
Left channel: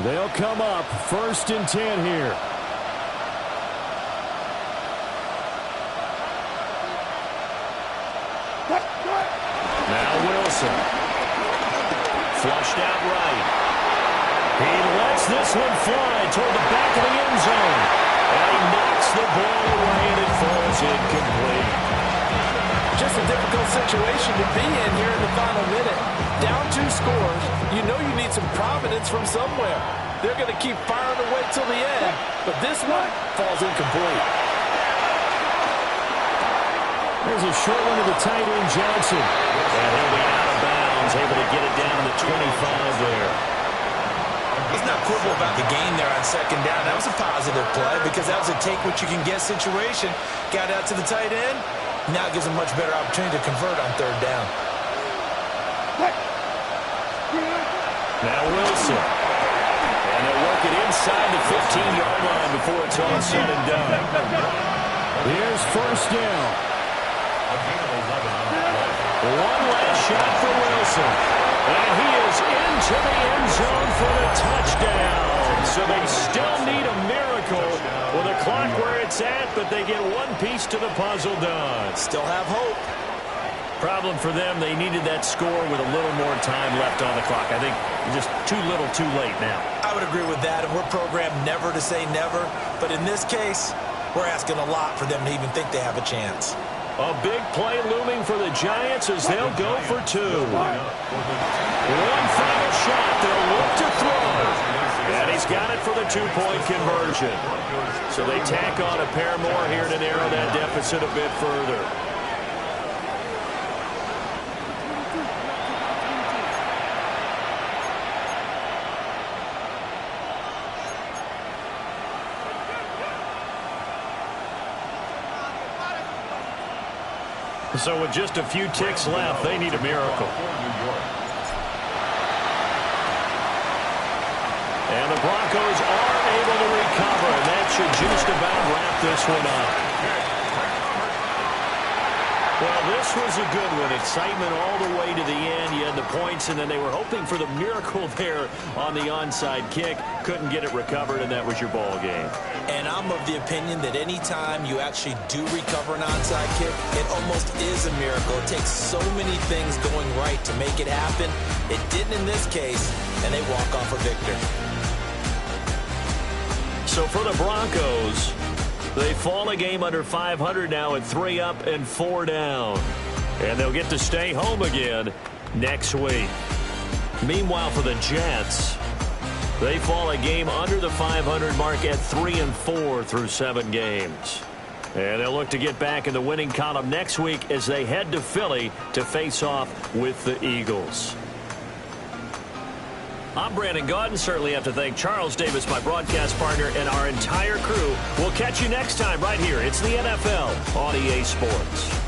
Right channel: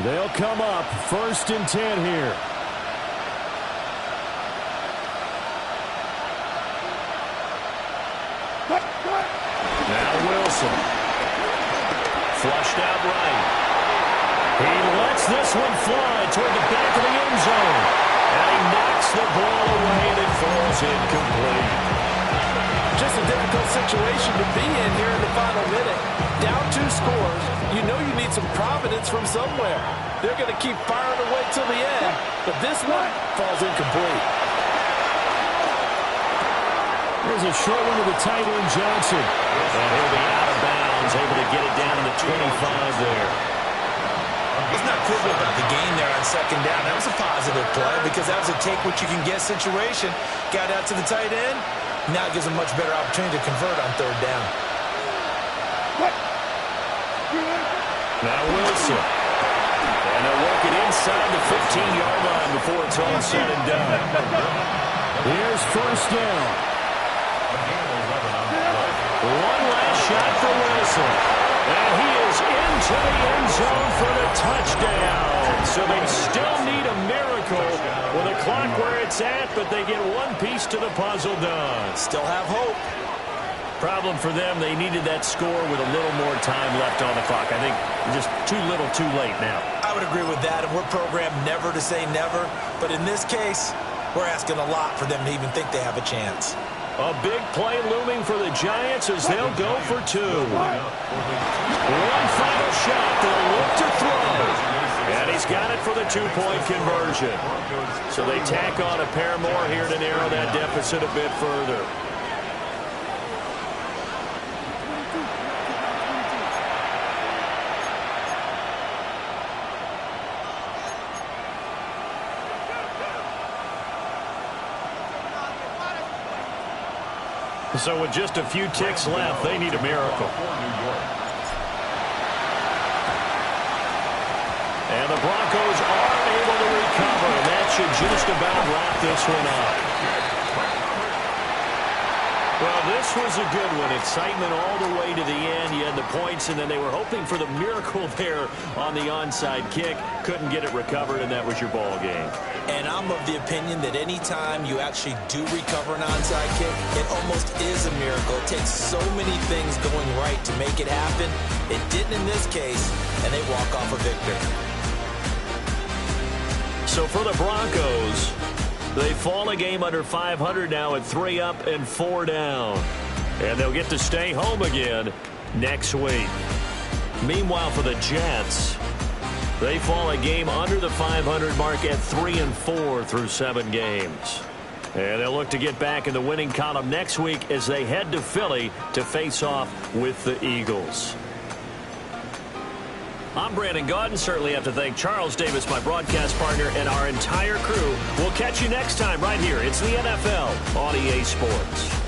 They'll come up first and 10 here. Now Wilson. Flushed out right. He lets this one fly toward the back of the end zone. And he knocks the ball away, and it falls incomplete. Just a difficult situation to be in here in the final minute. Down 2 scores. You know you need some providence from somewhere. They're going to keep firing away till the end, but this one falls incomplete. There's a short one to the tight end, Johnson. And he'll be out of bounds, able to get it down to the 25 there. Let's not quibble about the gain there on second down. That was a positive play because that was a take-what-you-can-get situation. Got out to the tight end. Now it gives them much better opportunity to convert on third down. Now Wilson. And they'll work it inside the 15-yard line before it's all said and done. Here's first down. One last shot for Wilson. And he is into the end zone for the touchdown. So they still need a miracle with a clock where it's at, but they get one piece to the puzzle done. Still have hope. Problem for them, they needed that score with a little more time left on the clock. I think just too little too late now. I would agree with that, and we're programmed never to say never. But in this case, we're asking a lot for them to even think they have a chance. A big play looming for the Giants as they'll go for 2. One final shot. They'll look to throw. And he's got it for the 2-point conversion. So they tack on a pair more here to narrow that deficit a bit further. So with just a few ticks left, they need a miracle. And the Broncos are able to recover, and that should just about wrap this one up. Well, this was a good one. Excitement all the way to the end. You had the points, and then they were hoping for the miracle there on the onside kick. Couldn't get it recovered, and that was your ball game. And I'm of the opinion that any time you actually do recover an onside kick, it almost is a miracle. It takes so many things going right to make it happen. It didn't in this case, and they walk off a victor. So for the Broncos, they fall a game under 500 now at 3 up and 4 down. And they'll get to stay home again next week. Meanwhile, for the Jets, they fall a game under the 500 mark at 3 and 4 through 7 games. And they'll look to get back in the winning column next week as they head to Philly to face off with the Eagles. I'm Brandon Gaudin. Certainly have to thank Charles Davis, my broadcast partner, and our entire crew. We'll catch you next time right here. It's the NFL on EA Sports.